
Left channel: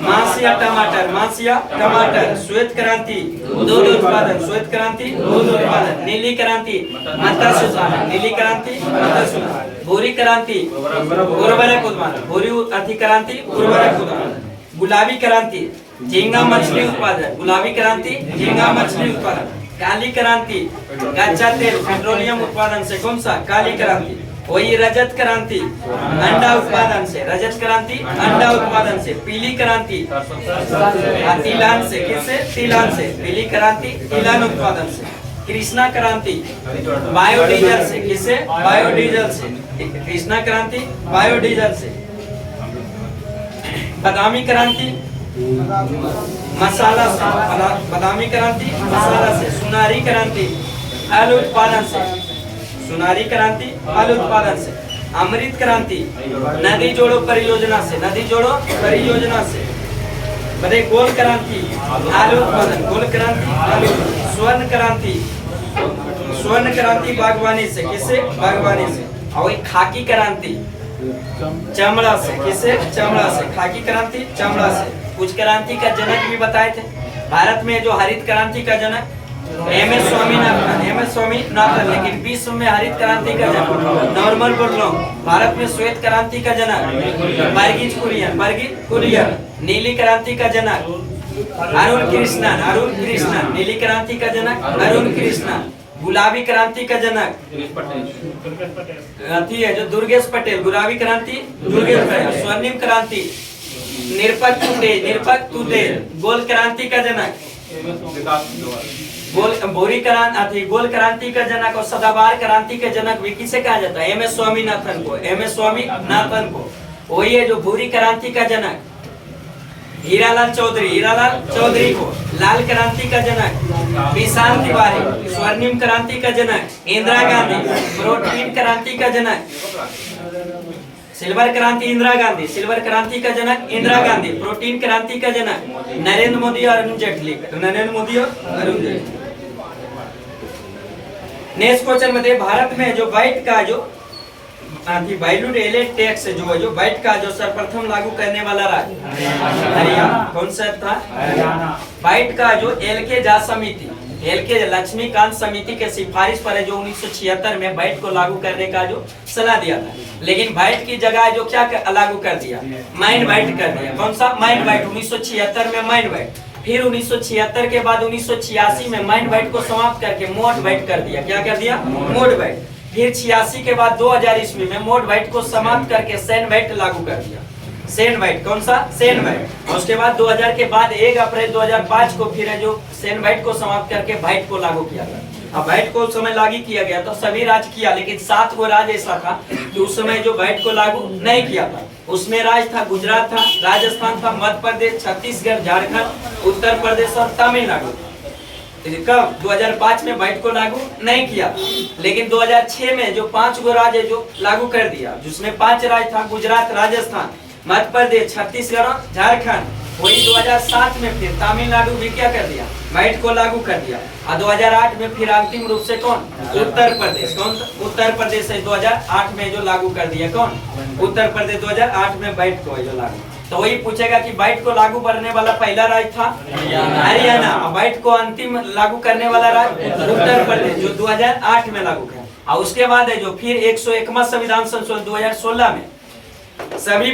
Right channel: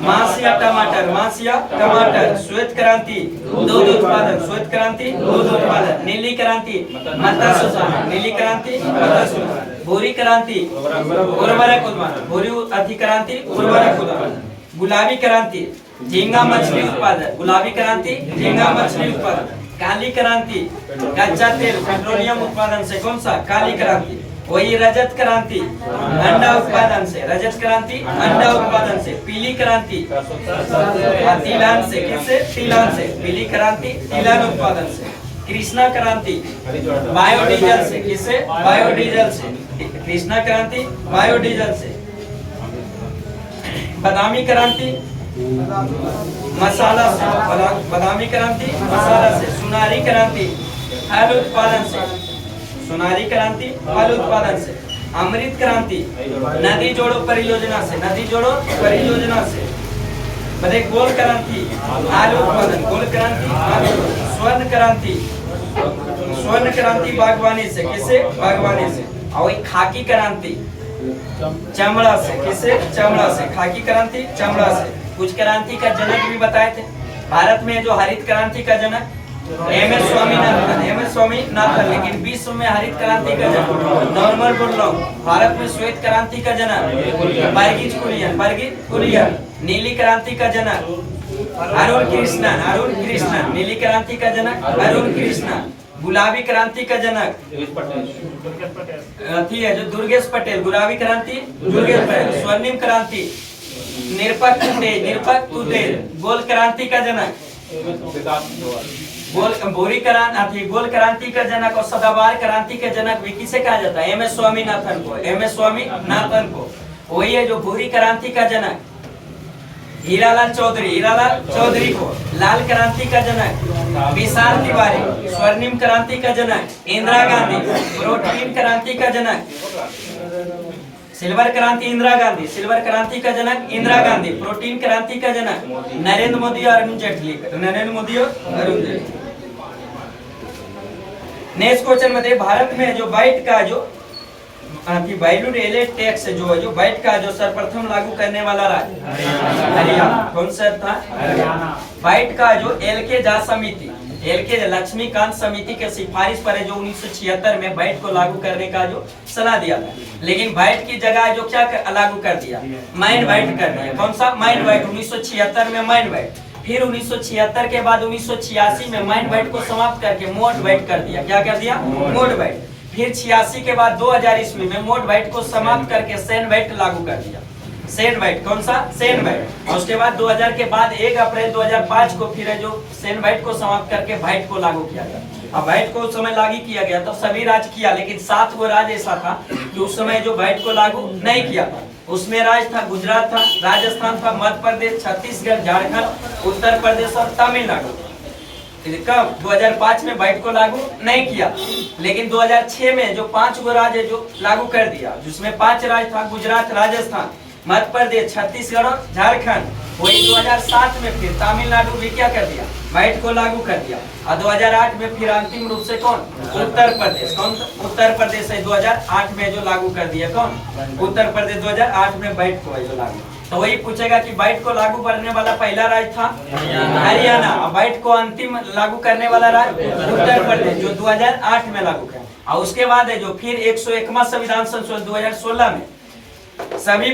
मांस या टमाटर। मांस या टमाटर। श्वेत क्रांति दूध उत्पादन। श्वेत क्रांति दूध उत्पादन। नीली क्रांति मत्स्य उत्पादन। नीली क्रांति मत्स्य उत्पादन। भूरी क्रांति उर्वरक उत्पादन। भूरी अति क्रांति उर्वरक उत्पादन। गुलाबी क्रांति झींगा मछली उत्पादन। गुलाबी क्रांति झींगा मछली उत्पादन। काली क्रांति कच्चा तेल पेट्रोलियम उत्पादन से। कौन सा? काली क्रांति। वही रजत क्रांति अंडा उत्पादन से। रजत क्रांति अंडा उत्पादन से। पीली क्रांति तिलान से। किससे? तिलान से। पीली क्रांति तिलान उत्पादन से। कृष्णा क्रांति बायोडीजल से। किससे? बायोडीजल से। कृष्णा क्रांति बायोडीजल से। बादामी क्रांति मसाला से। बादामी क्रांति मसाला से। सुनारी क्रांति आलू उत्पादन से। सुनारी क्रांति आलू उत्पादन से। अमृत क्रांति नदी जोड़ो परियोजना से। नदी जोड़ो परियोजना से। बताइए गोल क्रांति आलू उत्पादन। गोल क्रांति आलू। स्वर्ण क्रांति स्वर्ण क्रांति बागवानी से। किससे? बागवानी से। और वही खाकी क्रांति चमड़ा से। किससे? चमड़ा से। खाकी क्रांति चमड़ा से। कुछ क्रांति का जनक भी बताए थे। भारत में जो हरित क्रांति का जनक एमएस स्वामीनाथन। एमएस स्वामीनाथन। लेकिन विश्व में हरित क्रांति का जनक नॉर्मन बोरलॉग। भारत में श्वेत क्रांति का जनक बर्गिज कुरियन। बर्गिज कुरियन। नीली क्रांति का जनक अरुण कृष्णन। अरुण कृष्णन। नीली क्रांति का जनक अरुण कृष्णन। गुलाबी क्रांति का जनक है जो दुर्गेश पटेल। गुलाबी क्रांति दुर्गेश पटेल। स्वर्णिम क्रांति निरपक्ष तेज। निरपक्ष तेज। गोल क्रांति का जनक गोल क्रांति का जनक और सदाबहार क्रांति के जनक भी किसे कहा जाता है? MS स्वामीनाथन को। MS स्वामीनाथन को। वही है जो भूरी क्रांति का जनक हीरालाल चौधरी को। लाल क्रांति का जनक विशाल तिवारी। स्वर्णिम क्रांति का जनक इंदिरा गांधी। प्रोटीन क्रांति का जनक सिल्वर क्रांति इंदिरा गांधी। सिल्वर क्रांति का जनक इंदिरा गांधी। प्रोटीन क्रांति का जनक नरेंद्र मोदी और अरुण जेटली। नेक्स्ट क्वेश्चन में भारत में जो वाइट का जो वैल्यूड एलेट टैक्स जो वाइट का जो सर्वप्रथम लागू करने वाला राज्य हरियाणा। कौन सा था? वाइट का जो LK झा समिति, LK लक्ष्मीकांत समिति के सिफारिश पर है जो 1976 में वाइट को लागू करने का जो सलाह दिया था। लेकिन वाइट की जगह जो क्या लागू कर दिया? माइंड वाइट कर दिया। कौन सा? Mind white. 1976 में माइंड वाइट। फिर 1976 के बाद 1986 में माइंड वाइट को समाप्त करके मोड वाइट कर दिया। क्या कर दिया? Mode white. फिर 86 के बाद 2000 ईस्वी में मोड वाइट को समाप्त करके सैन वाइट लागू कर दिया। सैन वाइट। कौन सा? सैन वाइट। और उसके बाद 2000 के बाद 1 अप्रैल 2005 को फिर जो सैन वाइट को समाप्त करके वाइट को लागू किया गया। अब वाइट को उस समय लागू किया गया तो सभी राज्य किया, लेकिन 7 गो राज्य ऐसा था कि उस समय जो वाइट को लागू नहीं किया था। उसमें राज्य था गुजरात था, राजस्थान था, मध्य प्रदेश, छत्तीसगढ़, झारखंड, उत्तर प्रदेश और तमिलनाडु। कब? 2005 में वाइट को लागू नहीं किया, लेकिन 2006 में जो 5 गो राज्य जो लागू कर दिया, जिसमें 5 राज्य था गुजरात, राजस्थान, मध्य प्रदेश, छत्तीसगढ़ और झारखंड। वही 2007 में फिर तमिलनाडु भी क्या कर दिया? वाइट को लागू कर दिया। और 2008 में फिर अंतिम रूप से कौन? उत्तर प्रदेश। कौन? उत्तर प्रदेश है 2008 में जो लागू कर दिया। कौन? उत्तर प्रदेश 2008 में वाइट को है जो लागू। तो वही पूछेगा कि वाइट को लागू करने वाला पहला राज्य था हरियाणा। वाइट को अंतिम लागू करने वाला राज्य उत्तर प्रदेश जो 2008 में लागू किया। और उसके बाद है जो फिर 101वां संविधान संशोधन 2016 में सभी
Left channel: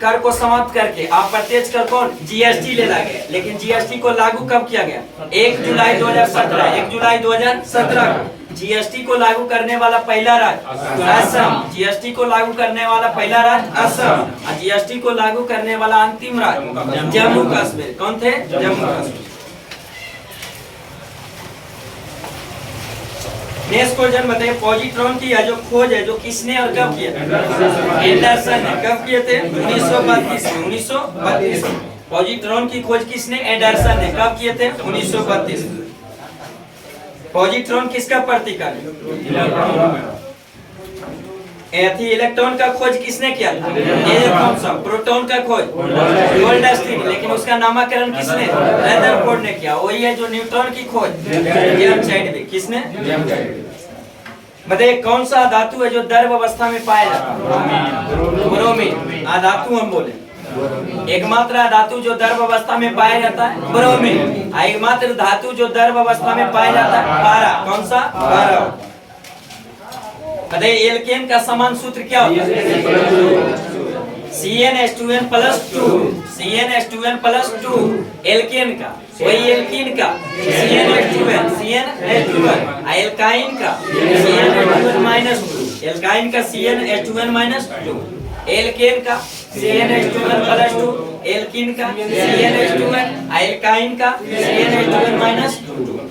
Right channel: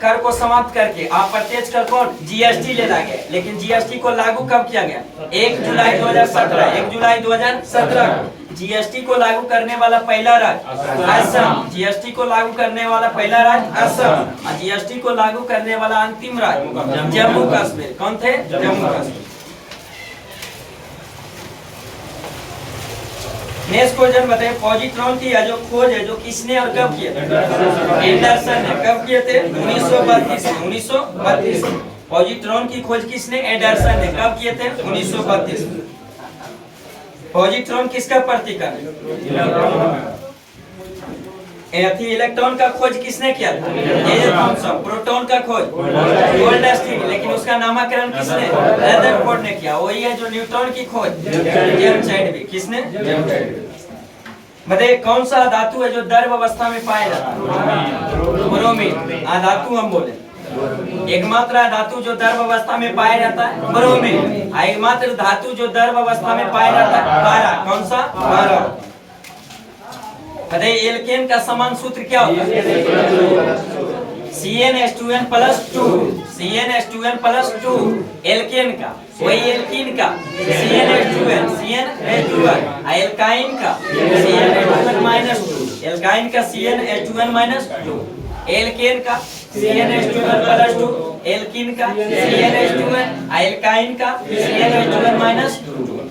कर को समाप्त करके अप्रत्यक्ष कर कौन? GST ले ला गया। लेकिन GST को लागू कब किया गया? 1 जुलाई 2017। 1 जुलाई 2017 को GST को लागू करने वाला पहला राज्य असम। GST को लागू करने वाला पहला राज्य असम। और GST को लागू करने वाला अंतिम राज्य जम्मू कश्मीर। कौन थे? जम्मू कश्मीर। नेक्स्ट क्वेश्चन बताइए, पॉजिट्रॉन की जो खोज है जो किसने और कब किया? एंडरसन ने। कब किए थे? 1932 में। 1932 में पॉजिट्रॉन की खोज किसने? एंडरसन ने। कब किए थे? 1932 में। पॉजिट्रॉन किसका प्रतीक है? इलेक्ट्रॉन का खोज किसने किया था? ये कौन सा? प्रोटॉन का खोज गोल्डस्टीन। लेकिन उसका नामकरण किसने? रदरफोर्ड ने किया। वही है जो न्यूट्रॉन की खोज जेम्स चैडविक। किसने? बताइए कौन सा धातु है जो द्रव अवस्था में पाया जाता है? ब्रोमीन। धातु हम बोले एकमात्र धातु जो द्रव अवस्था में पाया जाता है ब्रोमीन। एकमात्र धातु जो द्रव अवस्था में पाया जाता है पारा। कौन सा? पारा। बताइए एल्केन का समान सूत्र क्या होता है? CnH2n+2। CnH2n+2 एल्केन का। वही एल्कीन का CnH2n। एल्काइन का CnH2n-2। एल्काइन का CnH2n-2। एल्केन का CnH2n+2। एल्कीन का CnH2n। एल्काइन का CnH2n-2।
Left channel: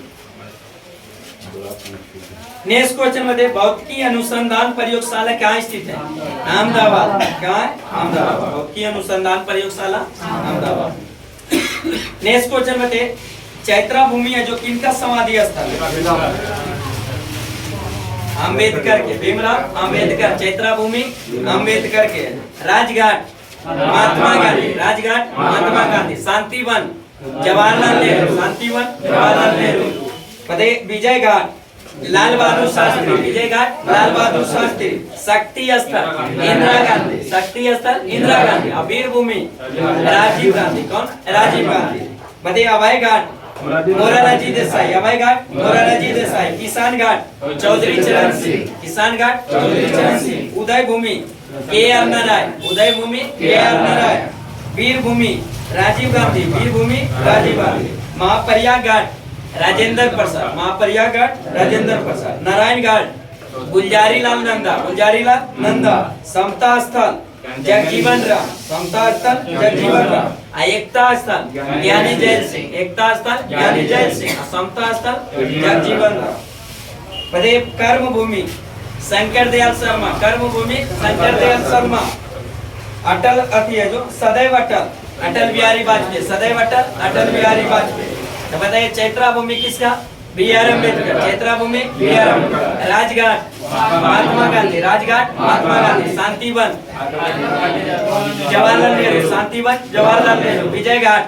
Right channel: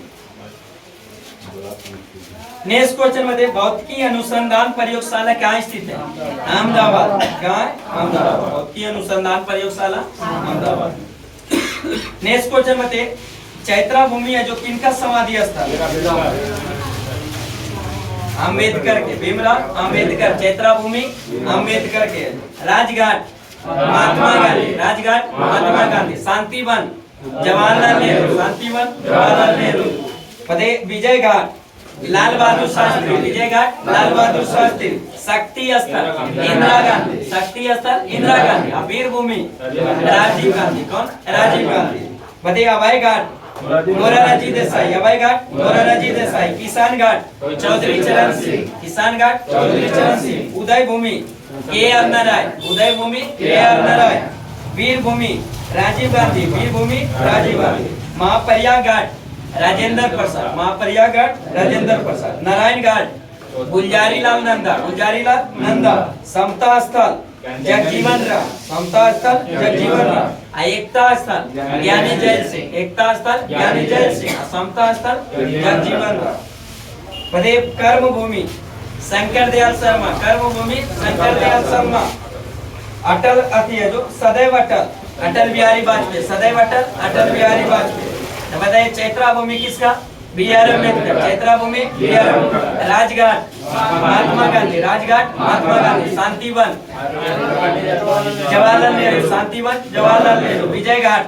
नेक्स्ट क्वेश्चन मध्ये भौतिकी अनुसंधान प्रयोगशाला कहाँ स्थित है? अहमदाबाद। कहाँ है? अहमदाबाद। भौतिकी अनुसंधान प्रयोगशाला अहमदाबाद। नेक्स्ट क्वेश्चन मध्ये चैत्रा भूमि है जो किनका समाधि स्थल है? अम्बेडकर के। भीमराव अम्बेडकर। चैत्रा भूमि अम्बेडकर के। राजघाट महात्मा गांधी। राजघाट महात्मा गांधी। शांतिवन जवाहरलाल नेहरू। शांतिवन जवाहरलाल नेहरू। बताइए विजय घाट लाल बहादुर शास्त्री। विजय घाट लाल बहादुर शास्त्री। शक्ति स्थल इंदिरा गांधी। शक्ति स्थल इंदिरा गांधी। वीर भूमि राजीव गांधी। कौन? राजीव गांधी। बताइए अभय घाट मोरारजी देसाई। अभय घाट मोरारजी देसाई। किसान घाट चौधरी चरण सिंह। किसान घाट चौधरी चरण सिंह। उदय भूमि KR नारायण। उदय भूमि KR नारायण। वीर भूमि राजीव गांधी। वीर भूमि राजीव गांधी। महाप्रयाग घाट राजेंद्र प्रसाद। महाप्रयाग घाट राजेंद्र प्रसाद। नारायण घाट गुलजारी लाल नंदा, गुलजारी लाल नंदा। समता स्थल जगजीवन राम, समता स्थल जगजीवन राम। एकता स्थल ज्ञानी जैल सिंह, एकता स्थल ज्ञानी जैल सिंह। समता स्थल जगजीवन राम। पदे कर्म भूमि शंकर दयाल शर्मा, कर्म भूमि शंकर दयाल शर्मा। अटल अति है जो सदैव अटल, अटल बिहारी वाजपेयी, सदैव अटल अटल बिहारी वाजपेयी। तो बताइए चैत्रा भूमि किसका? बी.आर. अम्बेडकर, चैत्रा भूमि बी.आर. अम्बेडकर। राजघाट महात्मा गांधी, राजघाट महात्मा गांधी। शांतिवन जवाहरलाल नेहरू, शांतिवन जवाहरलाल नेहरू। विजय घाट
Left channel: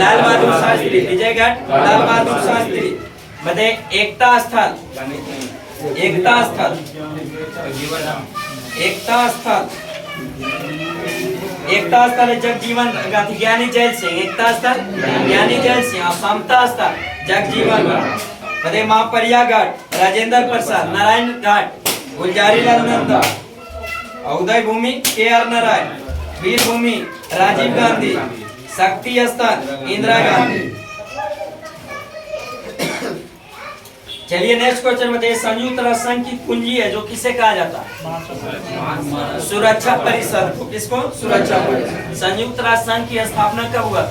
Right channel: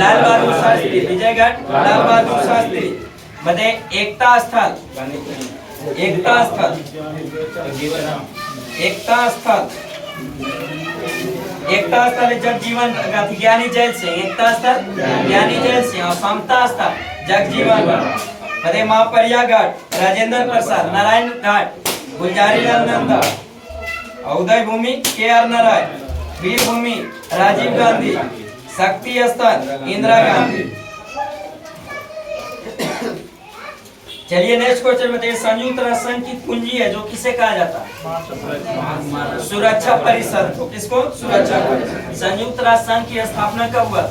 लाल बहादुर शास्त्री, विजय घाट लाल बहादुर शास्त्री। बताइए एकता स्थल, एकता स्थल, एकता स्थल, एकता स्थल है जगजीवन गांधी, ज्ञानी जैल सिंह। एकता स्थल ज्ञानी जैल सिंह। समता स्थल जगजीवन राम। पदे महापरिया घाट राजेंद्र प्रसाद, नारायण घाट गुलजारी लाल नंदा। उदय भूमि के.आर. नारायण, वीर भूमि राजीव गांधी। शक्ति स्थल इंदिरा गांधी। चलिए नेक्स्ट क्वेश्चन बताइए संयुक्त राष्ट्र संघ की कुंजी है जो किसे कहा जाता है? सुरक्षा परिषद को। किसको? सुरक्षा परिषद। संयुक्त राष्ट्र संघ की स्थापना कब हुआ?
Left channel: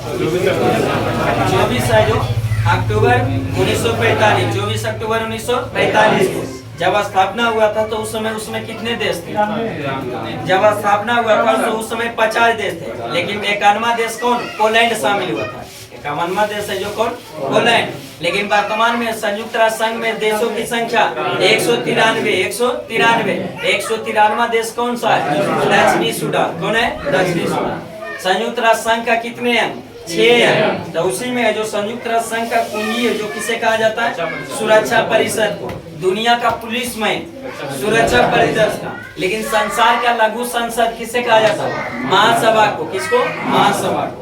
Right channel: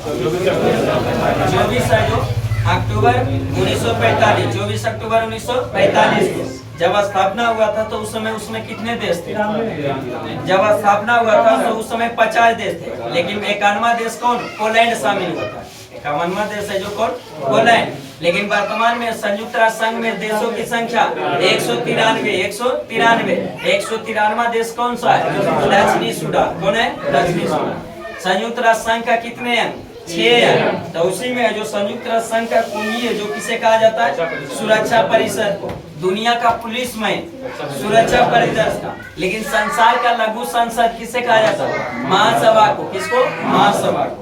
24 अक्टूबर 1945, 24 अक्टूबर 1945 को जब स्थापना हुआ था तो उस समय उसमें कितने देश थे? जब स्थापना हुआ था तो उस समय 50 देश थे, लेकिन 51वां देश कौन? पोलैंड शामिल हुआ था। 51वां देश है जो कौन? पोलैंड। लेकिन वर्तमान में संयुक्त राष्ट्र संघ में देशों की संख्या 193, 193वां देश कौन सा है? दक्षिणी सूडान। कौन है? दक्षिणी सूडान। संयुक्त राष्ट्र संघ का कितने अंग? 6 अंग। तो उसी में है जो संयुक्त राष्ट्र संघ का कुंजी है जो किसे कहा जाता है? सुरक्षा परिषद को। दुनिया का पुलिस में सुरक्षा परिषद का। लेकिन संसार का लघु संसद किसे कहा जाता है? महासभा को। किसको? महासभा को।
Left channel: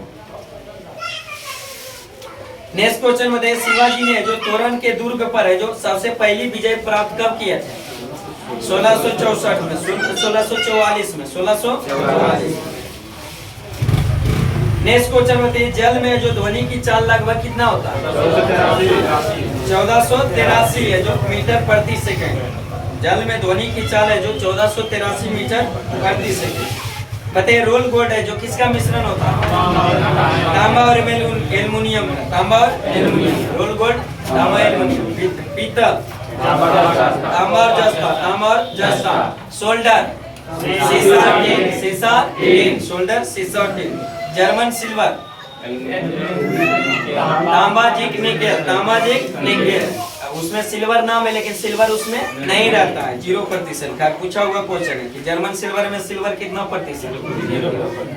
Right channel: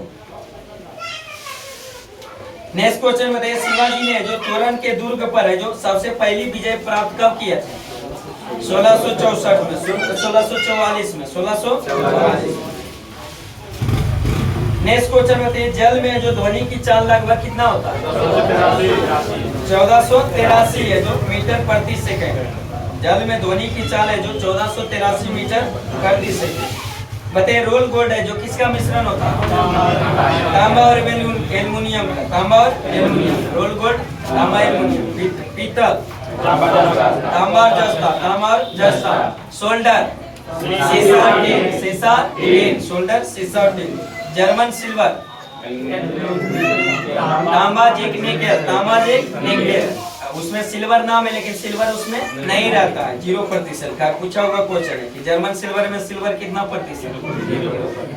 नेक्स्ट क्वेश्चन में देखिए शिवाजी ने जो तोरण के दुर्ग पर है जो सबसे पहली विजय प्राप्त कब किया था? 1664 में, 1644 में, 1644। नेक्स्ट क्वेश्चन में देखिए जल में जो ध्वनि की चाल लगभग कितना होता है? 1483 है जो मीटर प्रति सेकंड। जल में ध्वनि की चाल है जो 1483 मीटर प्रति सेकंड। बताइए रोल गोल्ड है जो किसका मिश्रण होता है? तांबा और एल्युमिनियम का। तांबा और एल्युमिनियम। रोल गोल्ड तांबा एल्युमिनियम। पीतल तांबा और जस्ता, तांबा और जस्ता। सोल्डर सीसा टिन, सीसा टिन। सोल्डर सीसा टिन। जर्मन सिल्वर तांबा जिंक निकेल, तांबा जिंक निकेल। उसमें सिल्वर नाम है लेकिन सिल्वर उसमें नहीं रहता है, 0% का पूछा हुआ क्वेश्चन है कि जर्मन सिल्वर में सिल्वर कितना प्रतिशत? 0%।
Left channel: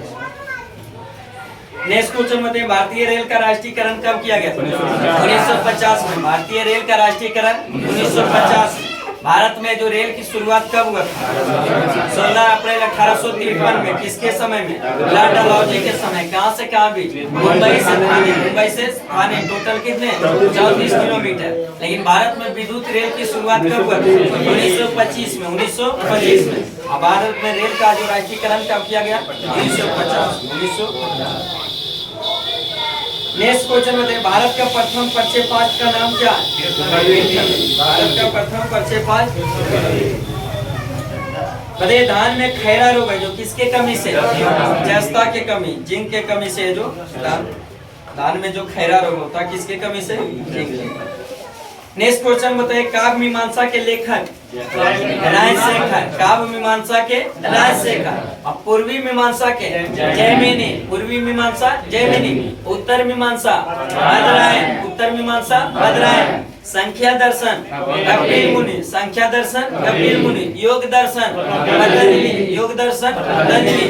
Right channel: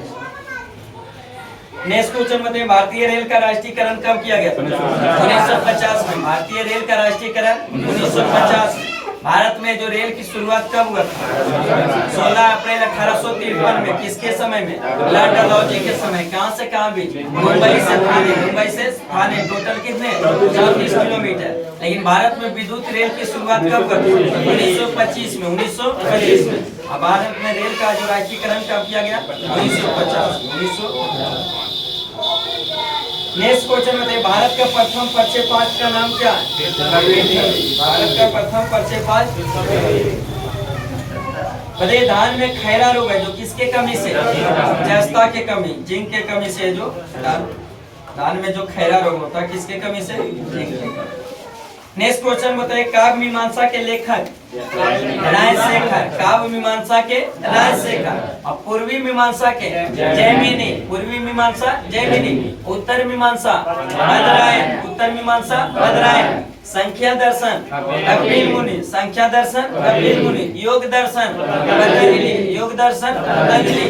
नेक्स्ट क्वेश्चन बताइए भारतीय रेल का राष्ट्रीयकरण कब किया गया? 1950 में। भारतीय रेल का राष्ट्रीयकरण 1950 में। भारत में जो रेल की शुरुआत कब हुआ था? 16 अप्रैल 1853 में। किसके समय में? लॉर्ड डलहौजी के समय। कहां से कहां भी? मुंबई से थाने, मुंबई से थाने। टोटल कितने? 34 किलोमीटर। लेकिन भारत में विद्युत रेल की शुरुआत कब हुआ? 1925 में, 1925 में। अब भारत में रेल का जो राष्ट्रीयकरण कब किया गया? 1950। नेक्स्ट क्वेश्चन में देखिए भारत का प्रथम प्रक्षेपास्त्र का नाम क्या है? भारत का प्रथम प्रक्षेपास्त्र। बताइए धान में खैरा रोग है जो किसके कमी से? जस्ता के कमी, जिंक के कमी से। जो धान में जो खैरा रोग होता है किसके कमी से? जिंक। नेक्स्ट क्वेश्चन बताइए काव्य मीमांसा के लेखक? राजशेखर। काव्य मीमांसा के राजशेखर। और पूर्वी मीमांसा के? जैमिनी। पूर्वी मीमांसा जैमिनी। उत्तर मीमांसा बादरायण, उत्तर मीमांसा बादरायण। संख्या दर्शन कपिल मुनि, संख्या दर्शन कपिल मुनि। योग दर्शन पतंजलि, योग दर्शन पतंजलि।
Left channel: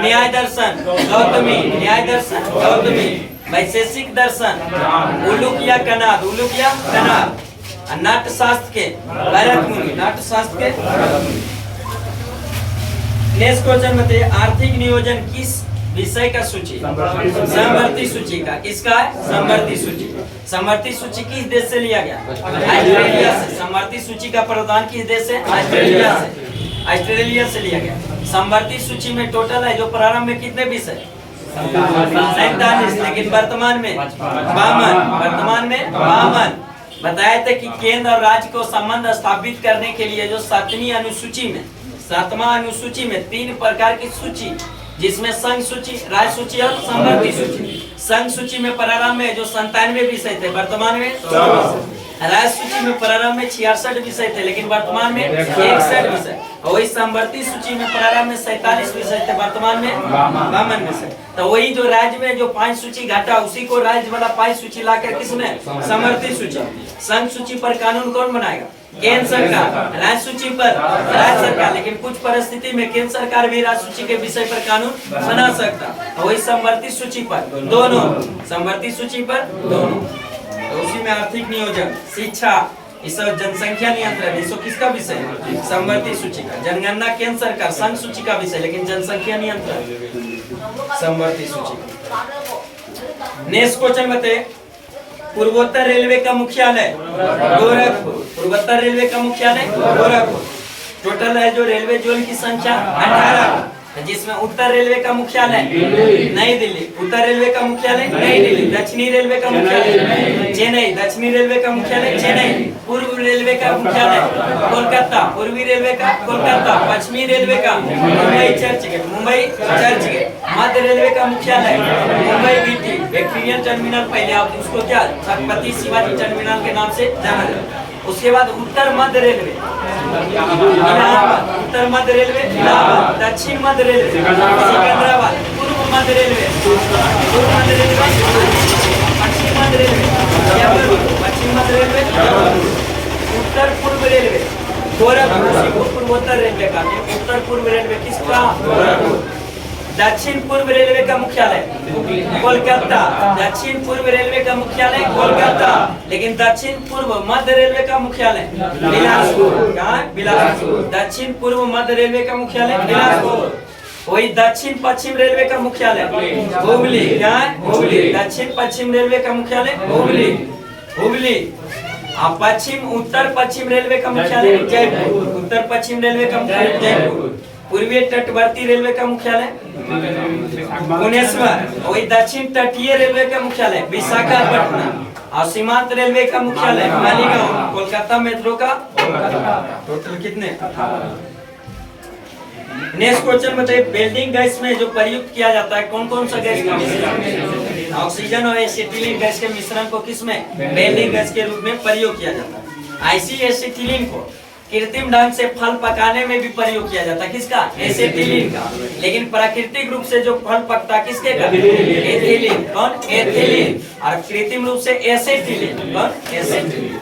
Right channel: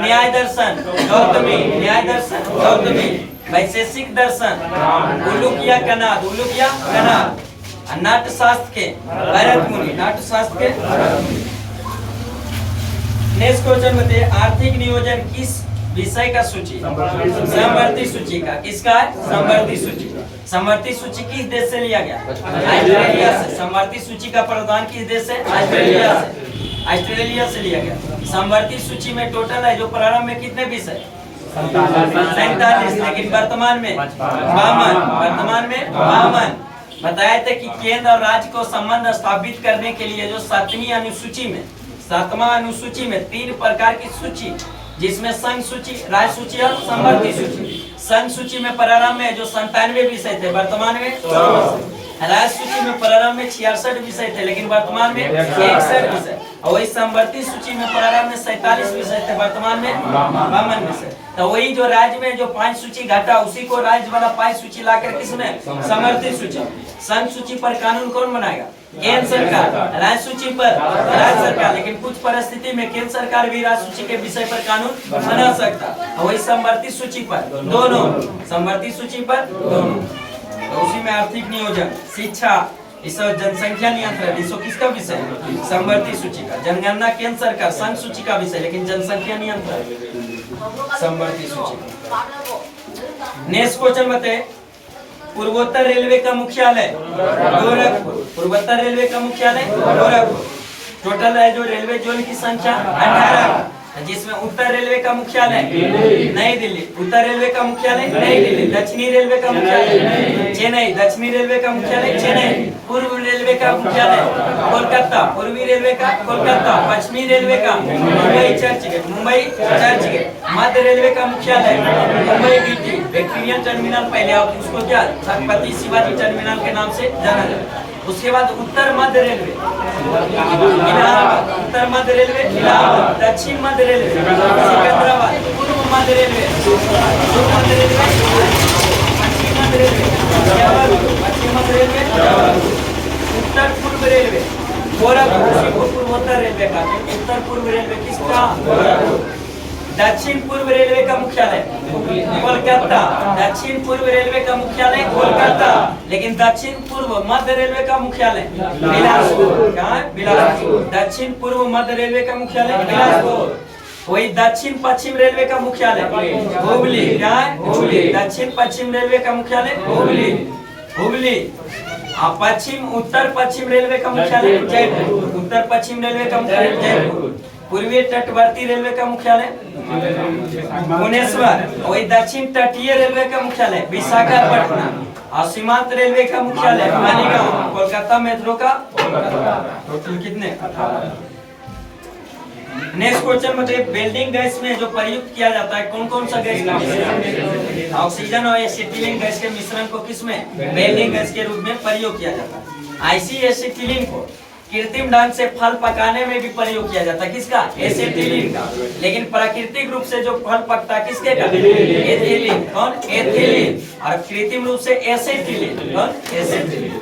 न्याय दर्शन गौतमी, न्याय दर्शन गौतमी। वैशेषिक दर्शन उलूकिया कनाद, उलूकिया कनाद। नाट्य शास्त्र के भरत मुनि, नाट्य शास्त्र के। नेक्स्ट क्वेश्चन बताइए आर्थिक नियोजन किस विषय का सूची? समवर्ती सूची का। किसका है? समवर्ती सूची। समवर्ती सूची किस देश से लिया गया? ऑस्ट्रेलिया से। समवर्ती सूची का प्रावधान किस देश से? ऑस्ट्रेलिया से। ऑस्ट्रेलिया से लिया गया। समवर्ती सूची में टोटल है जो प्रारंभ में कितने विषय? 47। लेकिन वर्तमान में 52। वर्तमान में 52। बताया था कि केंद्र और राज्य को संबंध स्थापित करने के लिए जो 7वीं अनुसूची में 7वां अनुसूची में 3 प्रकार की सूची, जिसमें संघ सूची, राज्य सूची और समवर्ती सूची। संघ सूची में प्रारंभ में जो 97 विषय थे, वर्तमान में 100 विषय। राज्य सूची में प्रारंभ में 66 विषय थे, लेकिन वर्तमान में 61 विषय। और वही समवर्ती सूची में प्रारंभ में 47 विषय थे, वर्तमान में 52 विषय। तो वही जो राज्य में जो 5 सूची घटा, उसी को राज्य वाला 5 सूची लाकर किसमें समवर्ती सूची। संघ सूची पर कानून कौन बनाएगा? केंद्र सरकार। राज्य सूची पर राज्य सरकार, लेकिन कुछ परिस्थिति में केंद्र सरकार भी राज्य सूची के विषय पर कानून बना सकता। और वही समवर्ती सूची पर दोनों, समवर्ती सूची पर दोनों। तो उसी में आर्थिक नियोजन, शिक्षा, इस जनसंख्या नियंत्रण, इसको किसका विषय है? समवर्ती सूची का। जनगणना केंद्र सरकार, संघ सूची का विषय, लेकिन जनसंख्या नियंत्रण समवर्ती सूची का। नेक्स्ट क्वेश्चन बताए, पूर्वोत्तर रेलवे का मुख्यालय गोरखपुर। पूर्वोत्तर रेलवे का मुख्यालय गोरखपुर। टोटल है जो रेलवे जोन की संख्या 18, जिसमें उत्तर रेलवे का मुख्यालय नई दिल्ली। उत्तर रेलवे का मुख्यालय नई दिल्ली। दक्षिणी रेलवे का मुख्यालय चेन्नई। दक्षिणी रेलवे का मुख्यालय चेन्नई। पूर्व रेलवे का मुख्यालय कोलकाता। पूर्वी रेलवे का कोलकाता। पश्चिमी रेलवे का मुंबई चर्चगेट। मुंबई चर्चगेट। मध्य रेलवे का मुख्यालय मुंबई बीटी। विक्टोरिया टर्मिनल, पहले आप उसको क्या छत्रपति शिवाजी टर्मिनल के नाम से जाना जाता है। उसके बाद उत्तर मध्य रेलवे इलाहाबाद। उत्तर मध्य रेलवे इलाहाबाद। दक्षिण मध्य रेलवे सिकंदराबाद। पूर्व मध्य रेलवे पूर्व मध्य रेलवे। पश्चिम मध्य रेलवे जबलपुर। पश्चिम मध्य रेलवे जबलपुर। उत्तर पूर्व रेलवे गोरखपुर। पूर्वोत्तर रेलवे का उत्तर पूर्व रेलवे किसका? गोरखपुर। दक्षिण पूर्व रेलवे का मुख्यालय कोलकाता। दक्षिण पूर्व रेलवे का मुख्यालय कोलकाता, लेकिन दक्षिण पूर्व मध्य रेलवे का मुख्यालय बिलासपुर। कहाँ? बिलासपुर। दक्षिण पूर्व मध्य रेलवे का मुख्यालय बिलासपुर। वही दक्षिण पश्चिम रेलवे का मुख्यालय हुबली। कहाँ? हुबली। दक्षिण पश्चिम रेलवे का मुख्यालय हुबली। हुबली। पश्चिम उत्तर पश्चिम रेलवे का मुख्यालय जयपुर। उत्तर पश्चिम रेलवे का मुख्यालय जयपुर। पूर्वी तटवर्ती रेलवे का मुख्यालय भुवनेश्वर। वही दक्षिण तटीय रेलवे का मुख्यालय विशाखापट्टनम। और सीमांत रेलवे का मुख्यालय मालीगांव। कोलकाता मेट्रो का टोटल कितने? नेक्स्ट क्वेश्चन बताइए, वेल्डिंग गैस में जो प्रयुक्त किया जाता है कौन कौन सा गैस? ऑक्सीजन और एसिटिलीन गैस के मिश्रण को किसमें? वेल्डिंग गैस के रूप में प्रयोग किया जाता है। आईसी एसिटिलीन को कृत्रिम ढंग से फल पकाने में भी प्रयोग किया जाता है। किसका? एसिटिलीन का। लेकिन प्राकृतिक रूप से जो फल पकता किसके का? एथिलीन। कौन? एथिलीन। और कृत्रिम रूप से एसिटिलीन। कौन? एसिटिलीन।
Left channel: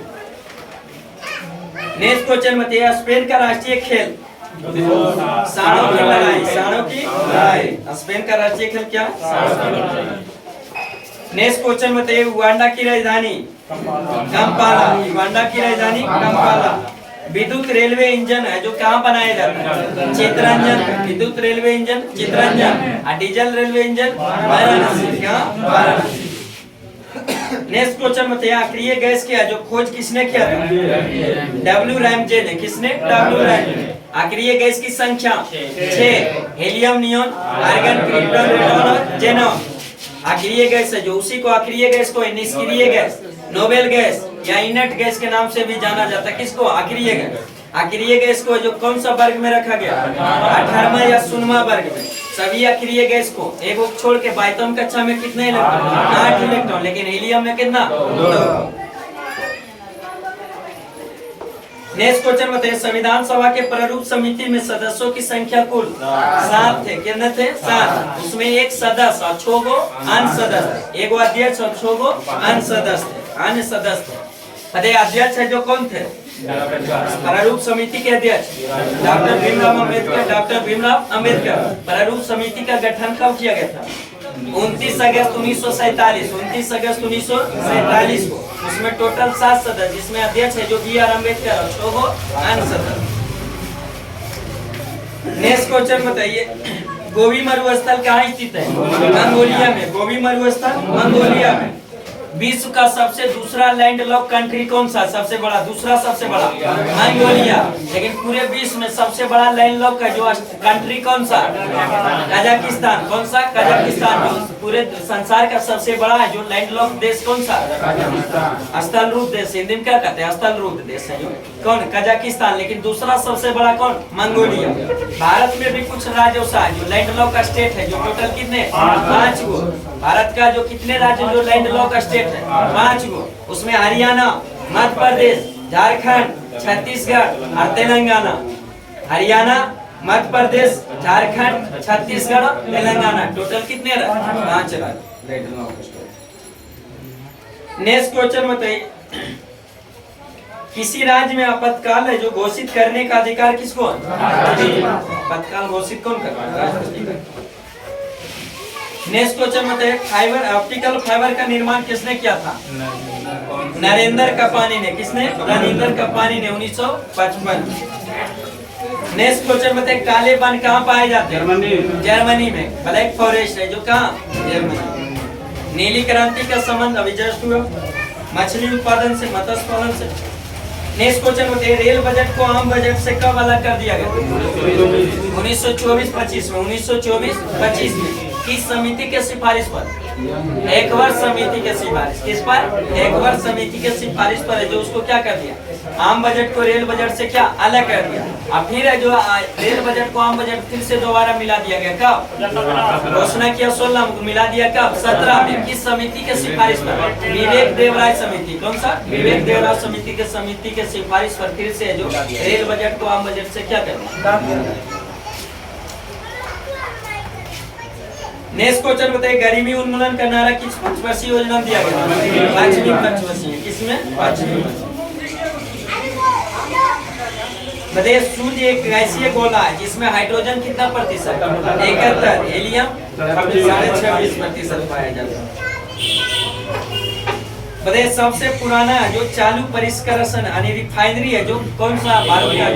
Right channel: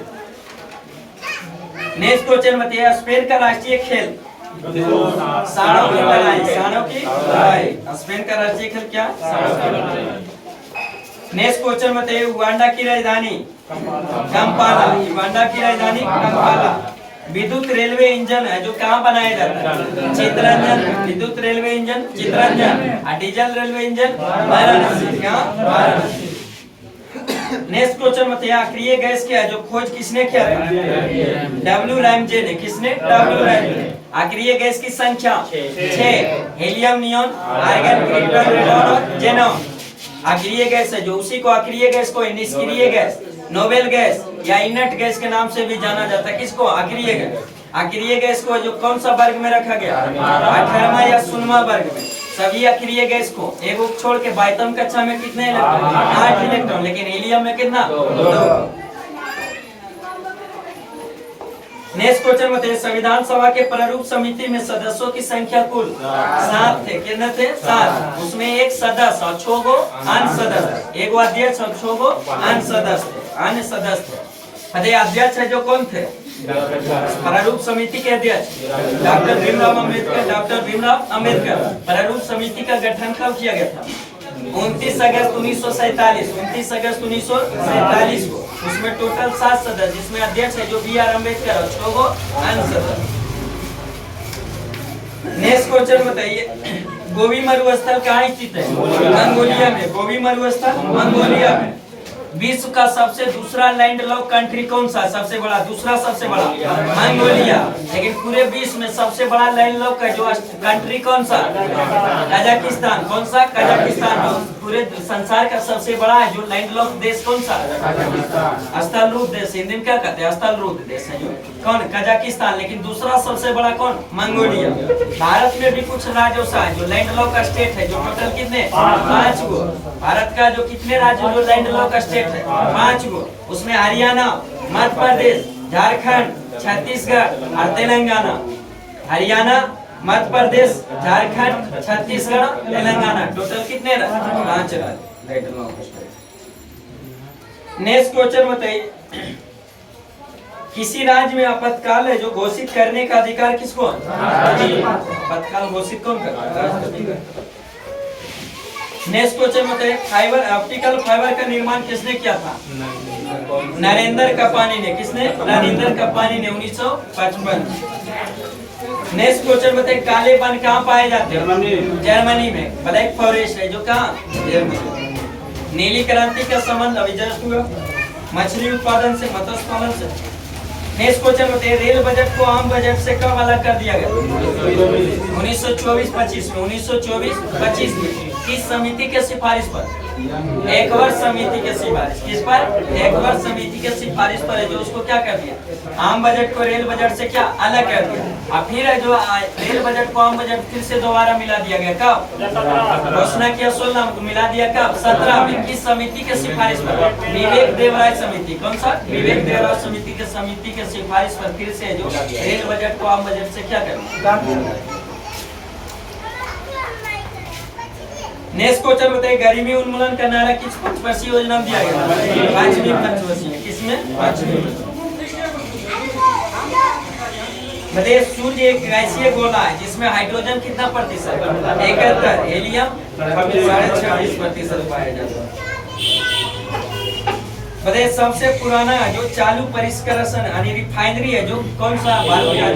नेक्स्ट क्वेश्चन बताइए, स्पेन का राष्ट्रीय खेल सांडों की लड़ाई। सांडों की लड़ाई। स्पेन का राष्ट्रीय खेल क्या? नेक्स्ट क्वेश्चन बताइए, युगांडा की राजधानी कंपाला। युगांडा की राजधानी कंपाला। विद्युत रेलवे इंजन है जो कहाँ बनाया जाता है? चितरंजन। विद्युत रेलवे इंजन चितरंजन। और डीजल रेलवे इंजन वाराणसी। क्या? वाराणसी। नेक्स्ट क्वेश्चन बताइए, अक्रिय गैस क्या है जो खोज किसने किया था? डब्ल्यू रैमजे ने। किसने? W Ramsay. अक्रिय गैस की संख्या 6। Helium, neon, argon, krypton, radon और जेनॉन। अक्रिय गैस है जो, उसी को अक्रिय गैस को निष्क्रिय गैस, नोबेल गैस या इनर्ट गैस के नाम से भी जाना जाता है। किसको? अक्रिय गैस। अक्रिय गैस को जो कौन सा वर्ग में रखा गया? 18वां या 16वां वर्ग में। सभी अक्रिय गैस को एक छोड़ के 22वीं कक्षा में कितने इलेक्ट्रॉन? 8 इलेक्ट्रॉन। लेकिन हीलियम में कितना? 2। नेक्स्ट क्वेश्चन बताइए, संविधान सभा के प्रारूप समिति में सदस्यों की संख्या कुल 7 थे। कितने थे? 7। उसमें एक सदस्य और 6 गो अन्य सदस्य। एक अध्यक्ष और 6 गो अन्य सदस्य थे। अन्य सदस्य थे। अध्यक्ष है जो कौन थे? प्रारूप समिति के अध्यक्ष डॉक्टर भीमराव अम्बेडकर। डॉक्टर भीमराव अम्बेडकर। प्रारूप समिति का गठन कब किया गया था? 29 अगस्त 1947। 29 अगस्त 1947 को। उसमें टोटल 7 सदस्य, जिसमें अध्यक्ष है जो बी.आर. अम्बेडकर और 6 गो अन्य सदस्य। नेक्स्ट क्वेश्चन बताइए, गोबी मरुस्थल कहाँ स्थित है? मंगोलिया में। गोबी मरुस्थल मंगोलिया में। विश्व का सबसे दूसरा लैंडलॉक कंट्री कौन सा सबसे बड़ा दूसरा सबसे बड़ा मंगोलिया। लेकिन पूरे विश्व में सबसे बड़ा लैंडलॉक है जो कंट्री कौन सा कजाकिस्तान। कौन सा कजाकिस्तान। जो पूरे संसार का सबसे बड़ा है जो लैंडलॉक देश कौन सा स्थलरूप देश, हिंदी में क्या कहते हैं स्थलरूप देश है जो कौन कजाकिस्तान। लेकिन दूसरा सबसे बड़ा कौन मंगोलिया। भारत में भी कुछ राज्यों सा है जो लैंडलॉक स्टेट है जो टोटल कितने 5 गो। भारत का जो कितने राज्य जो लैंडलॉक स्टेट है 5 गो। उसमें हरियाणा, मध्य प्रदेश, झारखंड, छत्तीसगढ़ और तेलंगाना। हरियाणा, मध्य प्रदेश, झारखंड, छत्तीसगढ़, तेलंगाना टोटल कितने 5 राज्य लैंडलॉक स्टेट। नेक्स्ट क्वेश्चन बताइए, किसी राज्य में आपातकाल है जो घोषित करने का अधिकार किसको है? आपातकाल घोषित कौन करता है? नेक्स्ट क्वेश्चन बताइए, फाइबर ऑप्टिकल फाइबर का निर्माण किसने किया था? नरेंद्र कपानी ने। किसने? नरेंद्र कपानी ने 1955। नेक्स्ट क्वेश्चन बताइए, काले वन कहाँ पाए जाते हैं? जर्मनी में। ब्लैक फॉरेस्ट है जो कहाँ? जर्मनी। नीली क्रांति का संबंध अभी जस्ट हुआ मछली उत्पादन से, मत्स्य पालन से। नेक्स्ट क्वेश्चन बताइए, रेल बजट को आम बजट से कब अलग कर दिया गया? 1924-25 में। 1924-25 में किस समिति के सिफारिश पर? एक वर्ष समिति के सिफारिश। किस पर? एक वर्ष समिति के सिफारिश पर है जो उसको क्या कर दिया? आम बजट को रेल बजट से क्या अलग कर दिया। और फिर है जो रेल बजट को आम बजट फिर से दोबारा मिला दिया गया। कब घोषणा किया? 16 में। मिला दिया कब? 17 में। किस समिति के सिफारिश पर? विवेक देवराय समिति। कौन सा? विवेक देवराय समिति के सिफारिश पर फिर से जो रेल बजट को आम बजट से क्या करना। नेक्स्ट क्वेश्चन बताइए, गरीबी उन्मूलन का नारा किस पंचवर्षीय योजना में दिया गया? 5वीं पंचवर्षीय। किसमें? 5वीं। बताइए, सूर्य एक गैसीय गोला है जिसमें हाइड्रोजन कितना प्रतिशत? 71, हीलियम 26.5% पाया जाता है। बताइए, सबसे पुराना जो चालू परिष्करण यानी रिफाइनरी है जो कौन सा भारत का?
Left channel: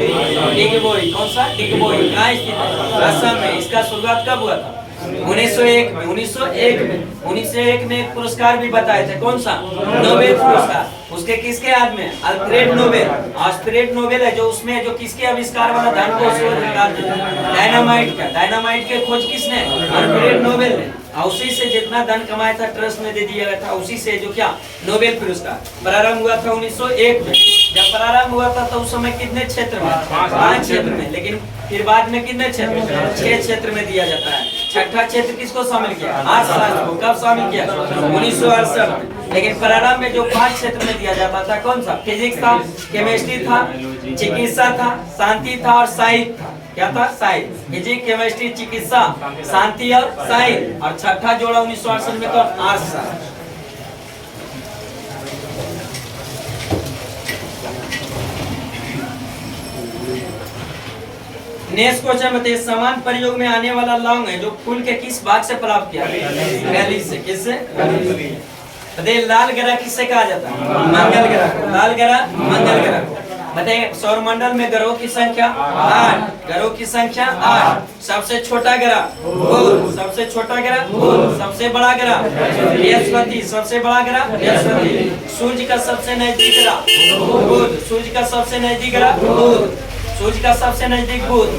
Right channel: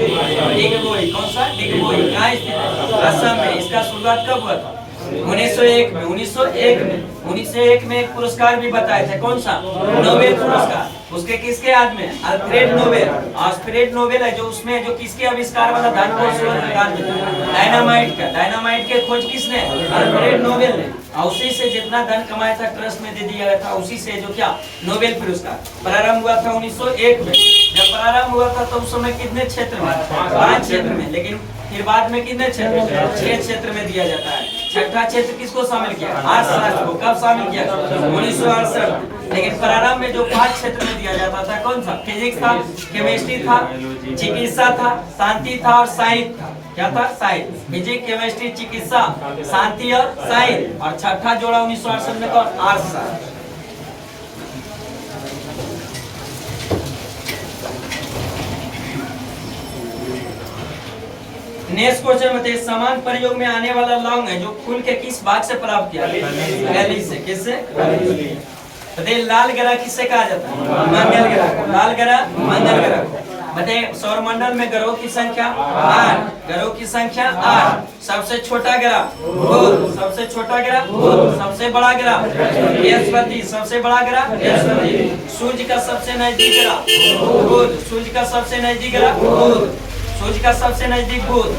डिगबोई। कौन सा? डिगबोई। कहाँ स्थित है? असम में। इसका शुरुआत कब हुआ था? 1901 में। 1901 में पुरस्कार भी बताए थे। कौन सा? नोबेल पुरस्कार। उसके किसके याद में? Alfred Nobel. अल्फ्रेड नोबेल है जो उसमें जो किसके आविष्कार वाला धन को निकाल देता है? डायनामाइट का। डायनामाइट के खोज किसने? अल्फ्रेड नोबेल ने। उसी से जितना धन कमाया था ट्रस्ट में दे दिया गया था। उसी से जो क्या नोबेल पुरस्कार प्रारंभ हुआ था 1901 में। जब प्रारंभ हुआ था तो उस समय कितने क्षेत्र में? 5 क्षेत्र में। लेकिन फिर बाद में कितने क्षेत्र? 6 क्षेत्र में दिया जाता है। छठा क्षेत्र किसको शामिल किया? अर्थशास्त्र को। कब शामिल किया? 1968 में। लेकिन प्रारंभ में जो 5 क्षेत्र में दिया जाता था कौन सा? फिजिक्स था, केमिस्ट्री था, चिकित्सा था, शांति था और साहित्य था। क्या था? साहित्य। फिजिक्स, केमिस्ट्री, चिकित्सा, शांति और साहित्य। और छठा जोड़ा 1968 में कौन? अर्थशास्त्र। नेक्स्ट क्वेश्चन बताइए, समान प्रयोग में आने वाला लौंग है जो फूल के किस भाग से प्राप्त किया? कली से। किससे? बताइए, लाल ग्रह किससे कहा जाता है? मंगल ग्रह। लाल ग्रह मंगल ग्रह। बताइए, सौरमंडल में ग्रहों की संख्या 8। ग्रहों की संख्या 8। सबसे छोटा ग्रह बुध। सबसे छोटा ग्रह बुध। सबसे बड़ा ग्रह बृहस्पति। सबसे बड़ा ग्रह बृहस्पति। सूर्य का सबसे नजदीक ग्रह बुध। सूर्य का सबसे नजदीक ग्रह बुध। सूर्य का सबसे नजदीक बुध।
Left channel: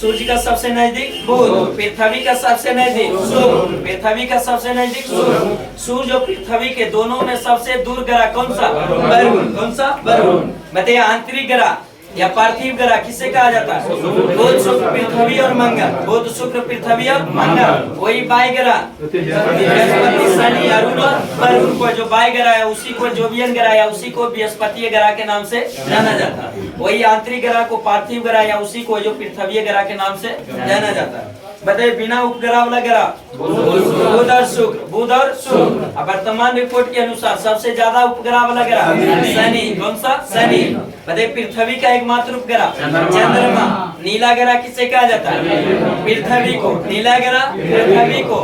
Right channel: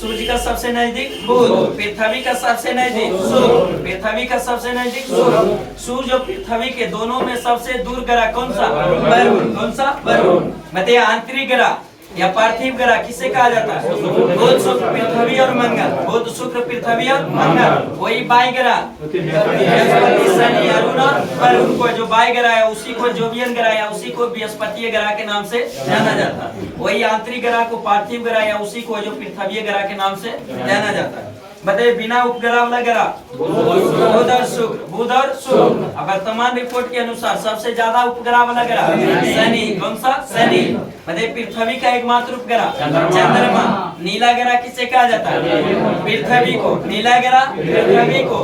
सूर्य का सबसे नजदीक बुध। पृथ्वी का सबसे नजदीक शुक्र। पृथ्वी का सबसे नजदीक शुक्र। सूर्य और पृथ्वी के दोनों में सबसे दूर ग्रह कौन सा? वरुण। कौन सा? वरुण। बताइए, आंतरिक ग्रह या पार्थिव ग्रह किसे कहा जाता है? बुध, शुक्र, पृथ्वी और मंगल। बुध, शुक्र, पृथ्वी और मंगल। वही बाई ग्रह बृहस्पति, शनि, अरुण और वरुण को जो बाई ग्रह है उसी को जोवियन ग्रह है उसी को बृहस्पति ग्रह के नाम से जाना जाता है। वही आंतरिक ग्रह को पार्थिव ग्रह या उसी को जो पृथ्वी ग्रह के नाम से जाना जाता है। बताइए, बिना उपग्रह वाला ग्रह बुध और शुक्र। बुध और शुक्र। वर्तमान रिपोर्ट के अनुसार सबसे ज्यादा उपग्रह वाला ग्रह शनि। कौन सा? शनि। बताइए, पृथ्वी का एकमात्र उपग्रह चंद्रमा। नीला ग्रह किसे कहा जाता है? पृथ्वी को। नीला ग्रह पृथ्वी को।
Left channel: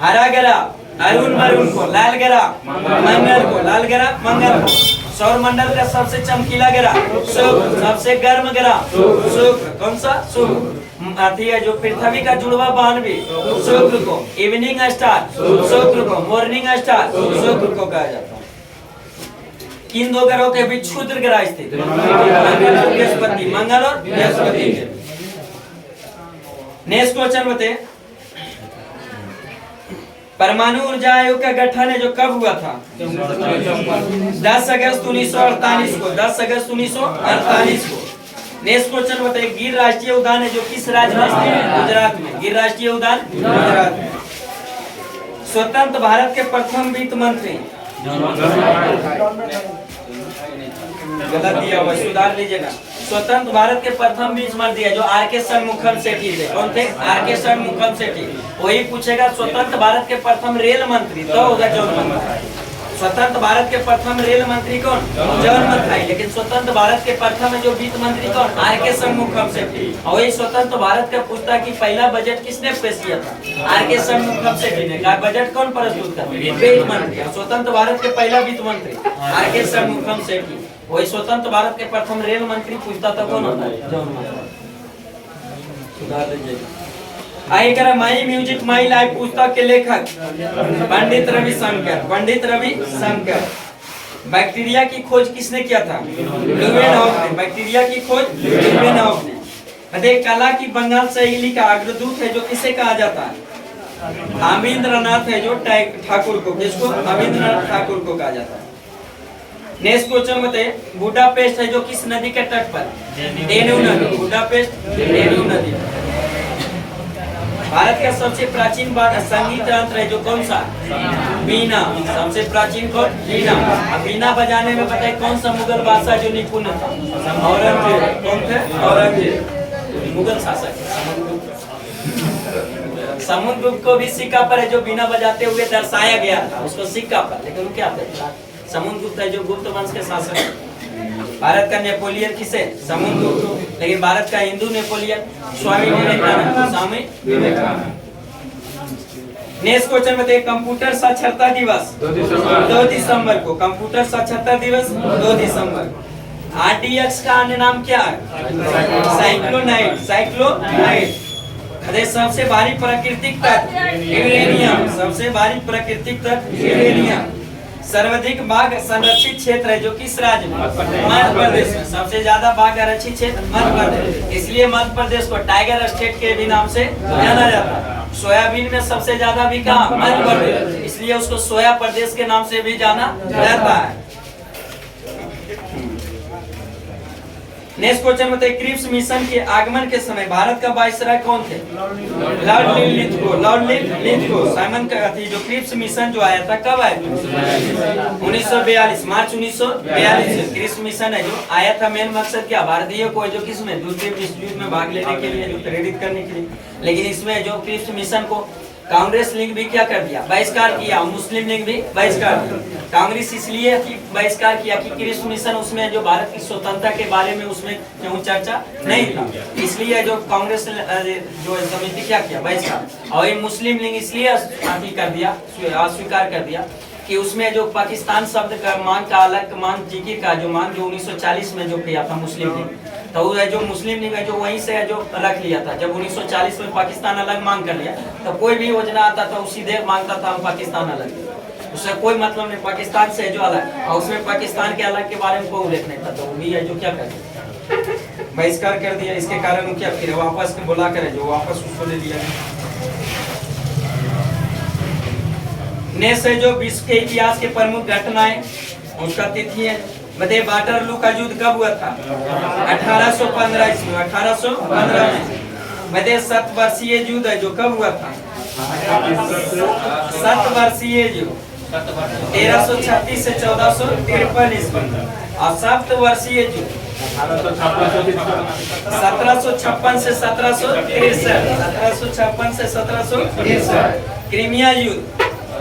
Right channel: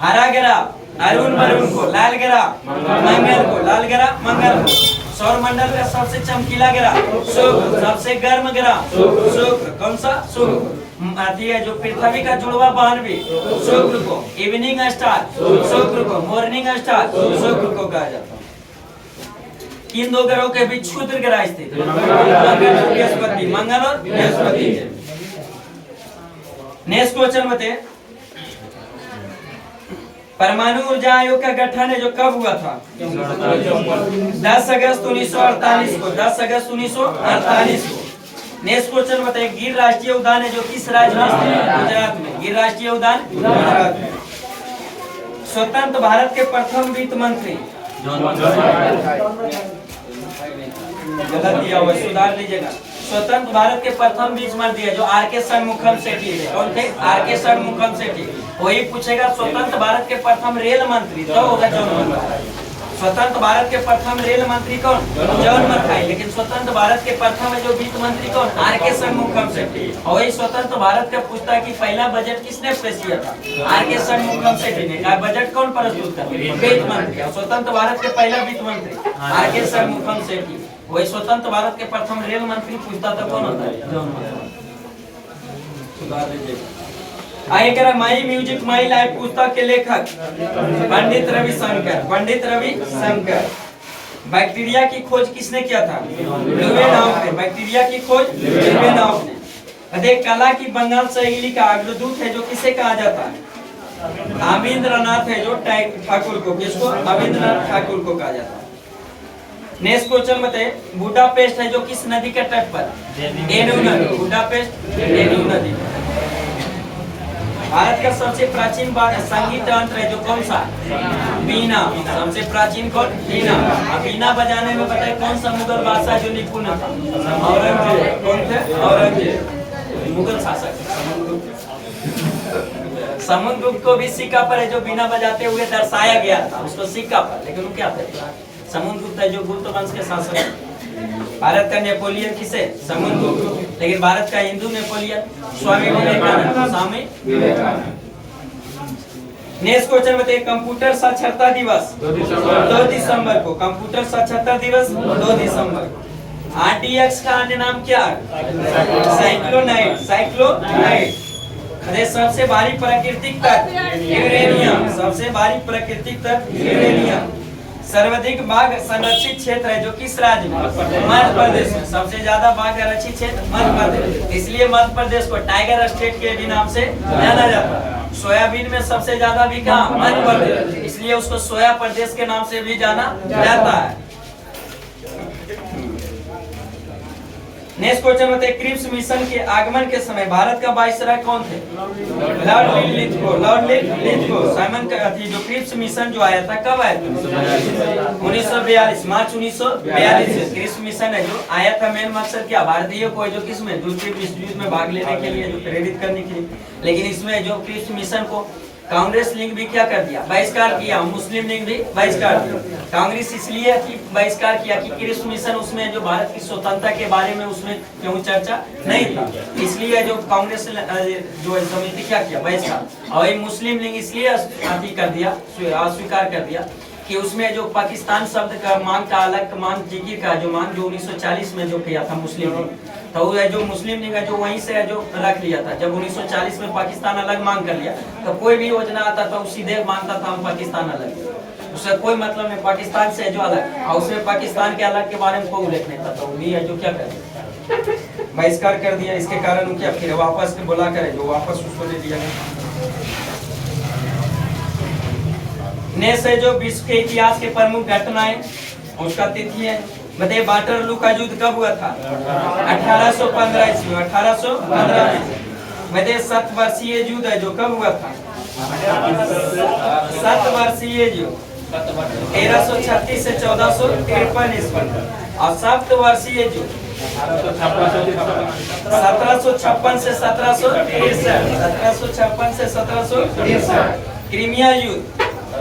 हरा ग्रह अरुण वरुण को। लाल ग्रह मंगल को। लाल ग्रह मंगल को। सौर मंडल का सबसे चमकीला ग्रह शुक्र, सबसे गर्म ग्रह शुक्र, कौन सा शुक्र। आती है जो पृथ्वी का जुड़वा बहन भी शुक्र को, इवनिंग स्टार शुक्र को, मॉर्निंग स्टार शुक्र को कहा जाता है। किन दो ग्रहों के बीच क्षुद्र ग्रह स्थित है? मंगल और बृहस्पति, मंगल और बृहस्पति। नेक्स्ट क्वेश्चन बताइए, परमाणु ऊर्जा आयोग का गठन है जो कब हुआ था? 10 अगस्त 1948 को, 10 अगस्त 1948 को। नेक्स्ट क्वेश्चन बताइए, गिर राष्ट्रीय उद्यान है जो किस राज्य में स्थित है? गुजरात में। गिर राष्ट्रीय उद्यान गुजरात में। स्वतंत्र भारत के प्रथम वित्त मंत्री, गलत दिया हुआ, सुधार लीजिएगा। स्वतंत्र भारत के प्रथम वित्त मंत्री है जो आर.के. षणमुखम सेठी थे। कौन थे? आर.के. षणमुखम सेठी। वही पूछेगा स्वतंत्र भारत के प्रथम रेल मंत्री, तो होगा जॉन मथाई। स्वतंत्र भारत के प्रथम रेल मंत्री कौन? जॉन मथाई। लेकिन स्वतंत्र भारत के प्रथम जो वित्त मंत्री कौन? आर.के. षणमुखम सेठी। और वही स्वतंत्र भारत का पूछता कि पहला बजट किसने पेश किया था? आर.के. षणमुखम सेठी ने। कहा बजट कौन प्रस्तुत करते? वित्त मंत्री। स्वतंत्र भारत के पहला वित्त मंत्री आर.के. षणमुखम सेठी। वही स्वतंत्र भारत के प्रथम रेल मंत्री पूछता था कौन होता है? जॉन मथाई। सुधार दीजिएगा। आइए करा माई म्यूजिक माई लाइफ पुस्तक के लेखक पंडित रविशंकर। पंडित रविशंकर। बैक्टीरिया की खोज किसने किया था? ल्यूवेनहॉफ ने। बैक्टीरिया की खोज ल्यूवेनहॉफ ने। देख, कला की बंगाल शैली का अग्रदूत है जो किसे कहा जाता है? अविंद्रनाथ है जो ठाकुर को। किसको? अविंद्रनाथ ठाकुर को कहा जाता है। नेक्स्ट क्वेश्चन बताइए, बुडापेस्ट है जो किस नदी के तट पर? डेन्यू नदी। बुडापेस्ट डेन्यू नदी। भारत का सबसे प्राचीन संगीत यंत्र है जो कौन सा? बीना। सबसे प्राचीन कौन? बीना। अब बीना बजाने में बताइए कौन सा मुगल बादशाह जो निपुण था? औरंगजेब। कौन थे? औरंगजेब, मुगल शासक। समुद्रगुप्त को भी सिक्का पर है जो बीना बजाते हुए दर्शाया गया था, उसको सिक्का पर। लेकिन वो क्या था? समुद्रगुप्त है जो गुप्त वंश के शासक है। भारत का नेपोलियन किसे? समुद्रगुप्त। लेकिन भारत का Hindu Napoleon Swami Vivekananda. Swami Vivekananda. Next question बताइए, कंप्यूटर साक्षरता दिवस 2 दिसंबर को। कंप्यूटर साक्षरता दिवस 2 दिसंबर को। RDX का अन्य नाम क्या है? साइक्लोनाइट। साइक्लोनाइट। अरे सबसे भारी प्राकृतिक तत्व यूरेनियम। सबसे भारी प्राकृतिक तत्व यूरेनियम। सर्वाधिक बाघ संरक्षित क्षेत्र है जो किस राज्य में? मध्य प्रदेश में। सबसे ज्यादा बाघ संरक्षित क्षेत्र मध्य प्रदेश, इसलिए मध्य प्रदेश को टाइगर स्टेट के भी नाम से जाना जाता है। सोयाबीन में सबसे ज्यादा भी कहाँ? मध्य प्रदेश, इसलिए उसको सोया प्रदेश के नाम से भी जाना जाता है। नेक्स्ट क्वेश्चन बताइए, क्रिप्स मिशन के आगमन के समय भारत का वायसराय कौन थे? Lord Lithgow. Lord Lithgow. Simon का जो क्रिप्स मिशन जो आया था कब आया था? 1942, मार्च 1942 क्रिप्स मिशन है जो आया था। मेन मकसद क्या? भारतीयों को जो किसमें? दूसरे विश्व युद्ध में भाग लेने के लिए, जो प्रेरित करने के लिए। लेकिन इसमें जो क्रिप्स मिशन को कांग्रेस लीग भी क्या कर दिया? बहिष्कार किया। मुस्लिम लीग भी बहिष्कार किया। कांग्रेस इसलिए बहिष्कार किया कि क्रिप्स मिशन उसमें जो भारत की स्वतंत्रता के बारे में उसमें क्यों चर्चा नहीं था, इसलिए जो कांग्रेस जो समिति क्या किया? बहिष्कार। और ये मुस्लिम लीग इसलिए कर दिया, अस्वीकार कर दिया कि उसमें जो पाकिस्तान शब्द का मांग का अलग मांग जिक्र का जो मांग जो 1940 में जो किया था मुस्लिम लीग, तो जो मुस्लिम लीग है जो वहीं से जो रख लिया था। जब 1940 में पाकिस्तान अलग मांग कर लिया तो कोई भी योजना आता था उसी देव मांगता था हम पाकिस्तान अलग, उससे कोई मतलब नहीं। पाकिस्तान से जो अलग, और उसमें पाकिस्तान के अलग के बारे में कोई उल्लेख नहीं था, तो वो भी है जो क्या करे? बहिष्कार कर दिया। इसके कारण क्या फिर वापस बुला करे जो वापस उसको ले लिया गया। नेक्स्ट है जो विश्व के इतिहास के प्रमुख घटनाएं, उसका तिथि है। बताइए, वाटरलू का युद्ध कब हुआ था? 1815 ईस्वी। 1815 में। बताइए, 7 वर्षीय युद्ध है जो कब हुआ था? 7 वर्षीय युद्ध 1336 से 1453 ईस्वी। और 7 वर्षीय युद्ध 1756 से 1763। 1756 से 1763। क्रीमिया युद्ध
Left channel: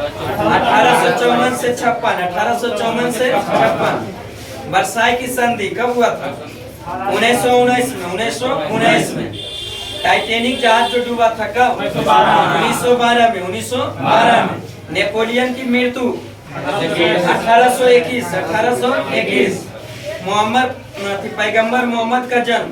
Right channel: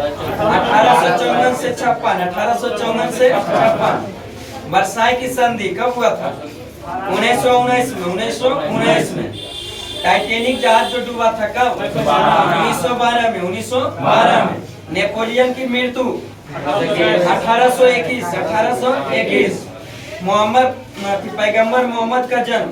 1854 से 56। 1854 से 56। वर्साई की संधि कब हुआ था? 1919 में। 1919 में। टाइटैनिक जहाज जो डूबा था कब? 1912 में। 1912 में। नेपोलियन की मृत्यु 1821 1821 मोहम्मद पैगंबर मोहम्मद का जन्म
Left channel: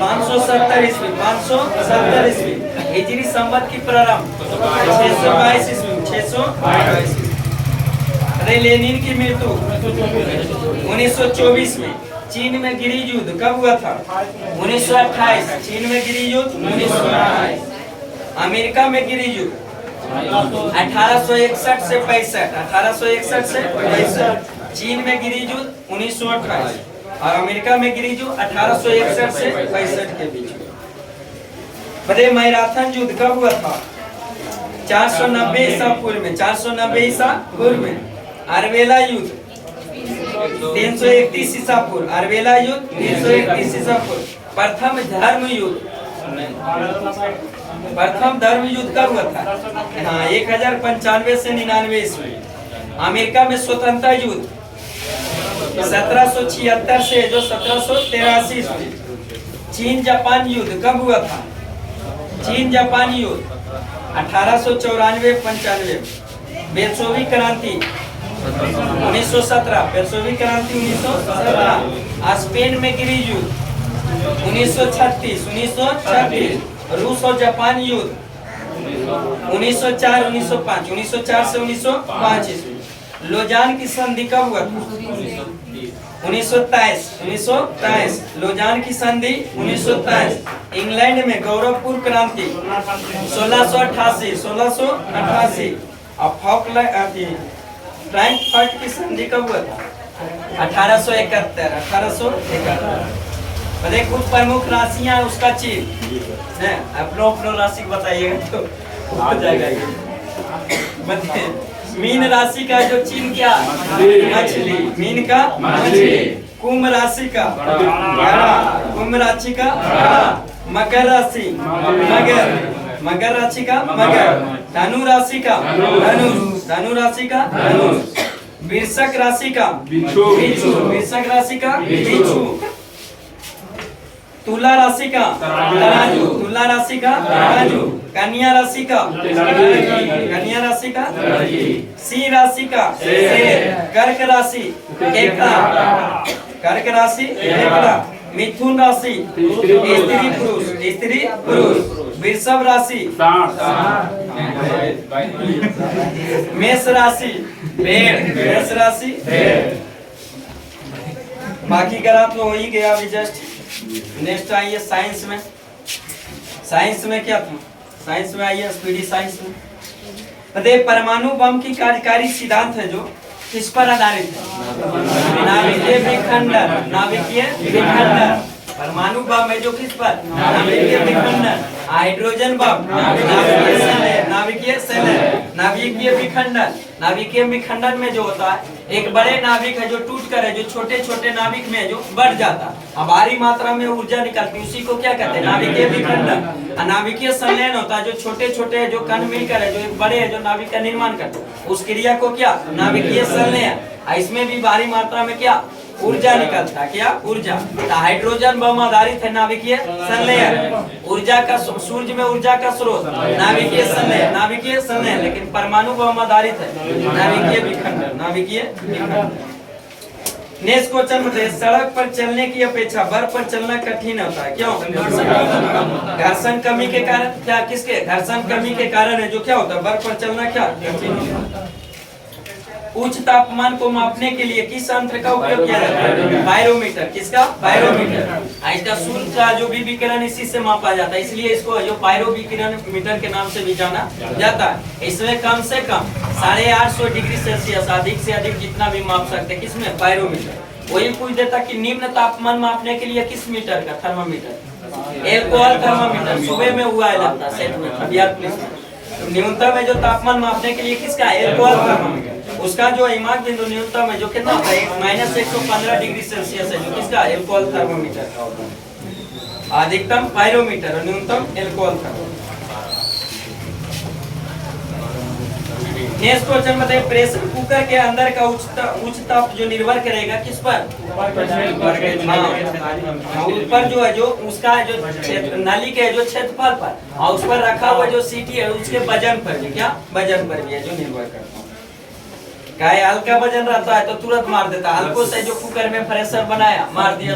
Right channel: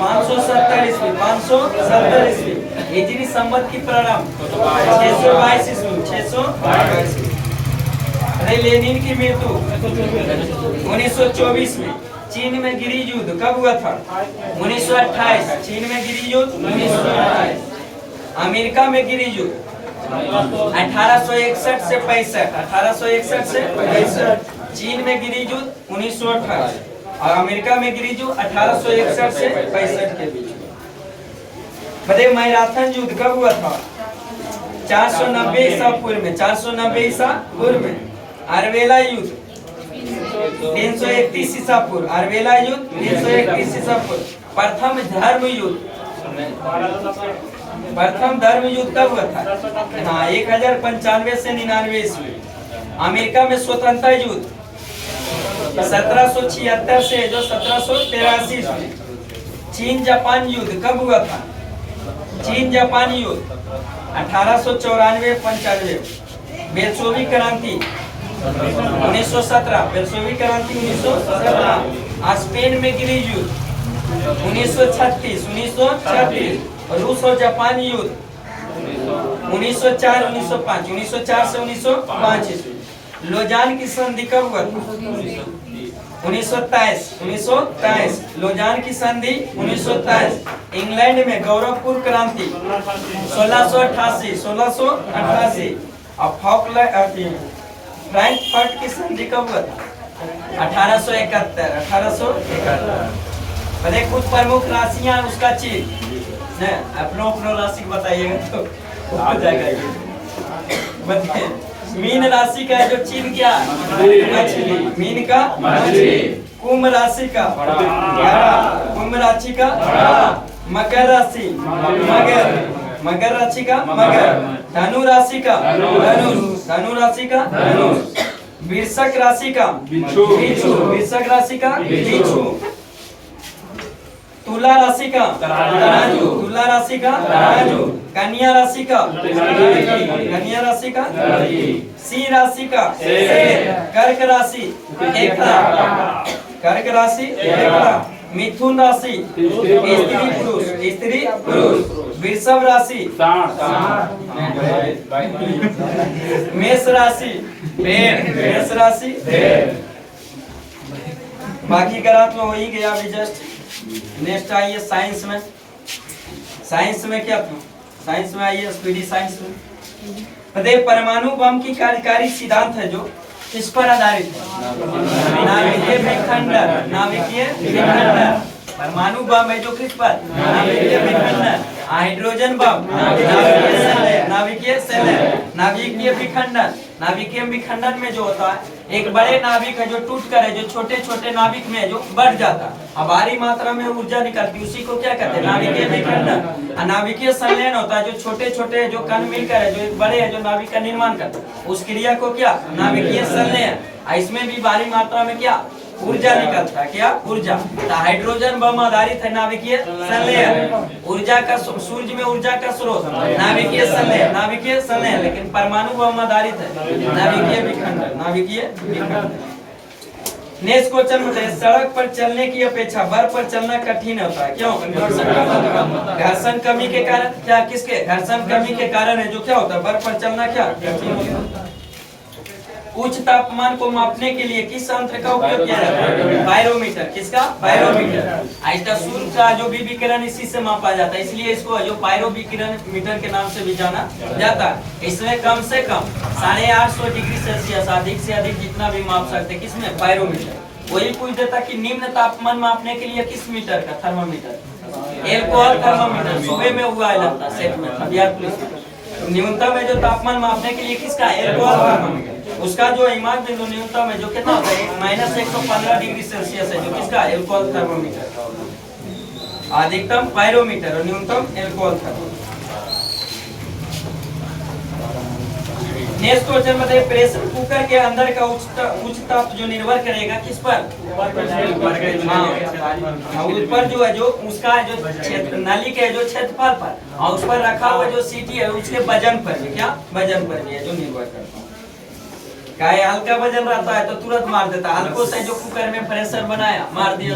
570 ईस्वी 570 ईस्वी हिजरी संवत की प्रारंभ 622 ईस्वी 622। अरे लेनिन की मृत्यु 1924 में। चीन में गृह युद्ध कब हुआ था? 1928। चीन में गृह युद्ध 1928। अमेरिका में गृह युद्ध 1861 से 65। 1861 से 65। चीन में गृह युद्ध 1928 और अमेरिका में गृह युद्ध 1861 से 65 के बीच। बताइए मैराथन युद्ध कब हुआ था? 490 ईसा पूर्व में। 490 ईसा पूर्व में। अरवेला युद्ध 331 ईसा पूर्व। अरवेला युद्ध 331 ईसा पूर्व। प्रथम धर्म युद्ध कब हुआ था? हाँ 1095 से 99 ईस्वी। अमेरिका में स्वतंत्रता युद्ध 1776 से जो 1783 ईस्वी। चीन जापान युद्ध कब हुआ था? चीन जापान युद्ध 1894-95। बेल्शेविक क्रांति 1917। बेल्शेविक क्रांति 1917। स्पेन में गृह युद्ध 1936। रूस और जापान युद्ध 1904-1905। 1904 से 1905 ईस्वी। लोजान की संधि कब हुआ था? 1923। लोजान की संधि 1923। इंग्लैंड में गौरवपूर्ण क्रांति 1688। और फ्रैंकफर्ट की संधि कब हुआ था? 1871। बताइए कुछ प्रमुख राशियां उसका चीज अपनो राशि बताइएगा तो हो जाएगा। बताइए मीन राशि का जो चिन्ह क्या? मछली। मीन का मछली। कुंभ राशि का कुंभ राशि का मकर राशि मकर राशि का मगर। धनु राशि का धनु राशि का वृश्चिक राशि का वृश्चिक राशि का बिच्छू। तुला राशि का तराजू। तुला राशि का तराजू। कन्या राशि का कन्या राशि का सिंह राशि का शेर। कर्क राशि केकड़ा। कर्क राशि केकड़ा। मिथुन राशि स्त्री पुरुष। वृषभ राशि मेष राशि भेड़। मेष राशि भेड़। बाकी ग्राफ तो हो ही गया अभी जस्ट। नेक्स्ट आइए साइंस में। साइंस में क्या था? साइंस में आइए स्पीडी साइंस में। बताइए परमाणु बम की कार्यकारी सिद्धांत है जो किस पर आधारित है? नाभिकीय विखंडन। नाभिकीय विखंडन। परमाणु बम है जो किस पर? नाभिकीय विखंडन। हाइड्रोजन बम नाभिकीय नाभिकीय विखंडन। नाभिकीय विखंडन में जो होता है एक बड़े नाभिक है जो टूट कर है जो छोटे छोटे नाभिक में जो बढ़ जाता है और भारी मात्रा में ऊर्जा निकलती है, उसी को क्या कहते हैं? नाभिकीय विखंडन। नाभिकीय संलयन होता है जो छोटे छोटे जो कण मिलकर है जो एक बड़े है जो नाभिक का निर्माण करते हैं, उस क्रिया को क्या? नाभिकीय संलयन। इसमें भी भारी मात्रा में क्या ऊर्जा निकलता है? क्या ऊर्जा? हाइड्रोजन बम आधारित है नाभिकीय संलयन। ऊर्जा का सूर्य में ऊर्जा का स्रोत नाभिकीय संलयन। नाभिकीय संलयन। लेकिन परमाणु बम आधारित है नाभिकीय विखंडन। नाभिकीय विखंडन। नेक्स्ट क्वेश्चन बताइए सड़क पर चलने की अपेक्षा बर्फ पर चलना कठिन होता है, क्यों? घर्षण कमी के कारण। क्या किसके? घर्षण कमी के कारण है जो क्या होता है बर्फ पर चलना क्या कठिन होता है। उच्च तापमान को मापने के लिए किस यंत्र का उपयोग किया जाता है? बायरोमीटर। किसका? बायरोमीटर। इसका सूर्य का जो भी विकिरण इसी से मापा जाता है, इसलिए इसको जो बायरोविकिरण मीटर के नाम से भी जाना जाता है। इसमें कम से कम 850 डिग्री सेल्सियस अधिक से अधिक जितना भी माप सकते हैं किसमें? बायरोमीटर। वही पूछ देता कि निम्न तापमान मापने के लिए किस मीटर का? थर्मामीटर। एल्कोहल थर्मामीटर सुबह में हुआ है लगता है सेट में बिहार पुलिस में। न्यूनतम है जो तापमान मापने के लिए किसका? Alcohol thermometer. उसका जो हिमांक बिंदु न्यूनतम है जो कितना होता है? -115 डिग्री सेल्सियस है जो किसका? Alcohol thermometer. अधिकतम पायरोमीटर और न्यूनतम एल्कोहल थर्मामीटर। नेक्स्ट क्वेश्चन बताइए प्रेशर कुकर के अंदर का उच्च ताप जो निर्भर करेगा किस पर? ऊपर जो है जो उसका जो नली के जो क्षेत्रफल पर और उस पर रखा हुआ जो सीटी है उसके वजन पर भी। क्या? वजन पर भी है जो निर्भर करता है। क्या है, हल्का वजन रहता है तो तुरंत मार देता है। हल्को से जो कुकर में प्रेशर बनाया मार दिया,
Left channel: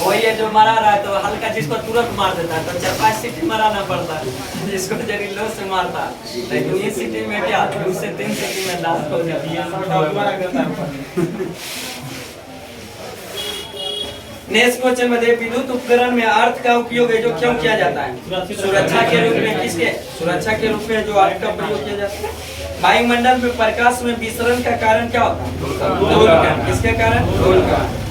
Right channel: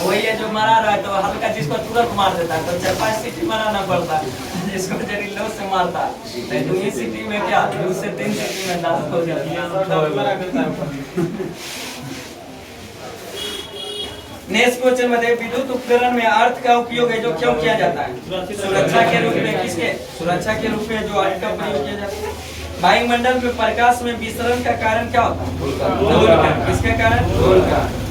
वही है जो मरा रहा है तो हल्का जिसको तुरंत मार देता है। तो 4-5 सीटी मराना पड़ता है, जिसको जहरीलो से मारता है तो 2 सीटी में क्या 2 से 3 सीटी में दांत हो जाती है। नेक्स्ट क्वेश्चन मध्ये विद्युत उपकरण में अर्थ का उपयोग है जो क्यों किया जाता है? सुरक्षा के रूप में। किसके? सुरक्षा के रूप में जो अर्थ का प्रयोग किया जाता है। वायुमंडल में प्रकाश में विसरण का कारण क्या होता है? दोलकरण। किसके कारण? दोलकरण।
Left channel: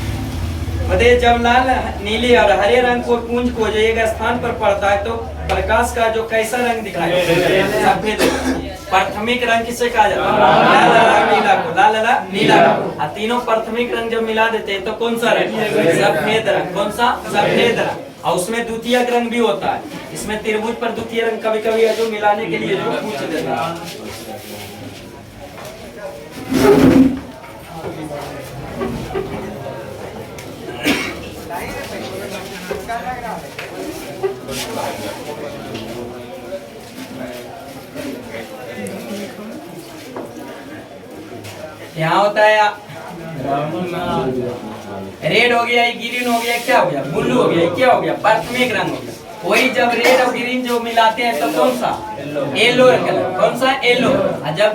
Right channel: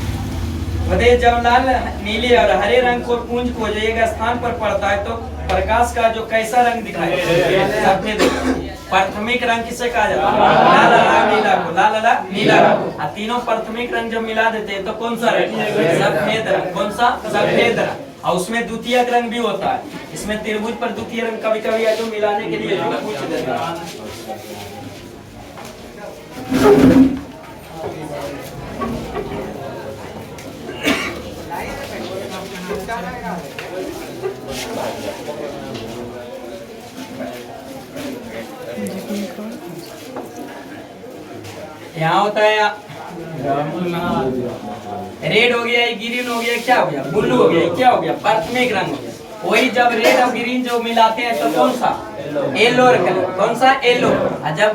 बताइए जब लाल, नीले और हरे रंग को पुंज को जो एक स्थान पर पड़ता है तो प्रकाश का जो कैसा रंग दिखाई देता है? सफेद। प्राथमिक रंग किसे कहा जाता है? लाल, हरा, नीला को। लाल, हरा, नीला को। तीनों प्राथमिक रंग जब मिला देते हैं तो कौन सा रंग? सफेद रंग। कौन सा? सफेद रंग। और उसमें द्वितीयक रंग भी होता है। इसमें त्रिभुज पर द्वितीय रंग कभी कभी है जो मिलाने के लिए जो पूछ देता है। यहाँ होता है रेड हो गया, ग्रीन हो गया, क्या हो गया? ब्लू हो गया, क्या हो गया? प्राथमिक रंग हो गया। वही जब रेड और ग्रीन जो मिलाते हैं तो कौन सा? Yellow colour. कौन सा? येलो। जब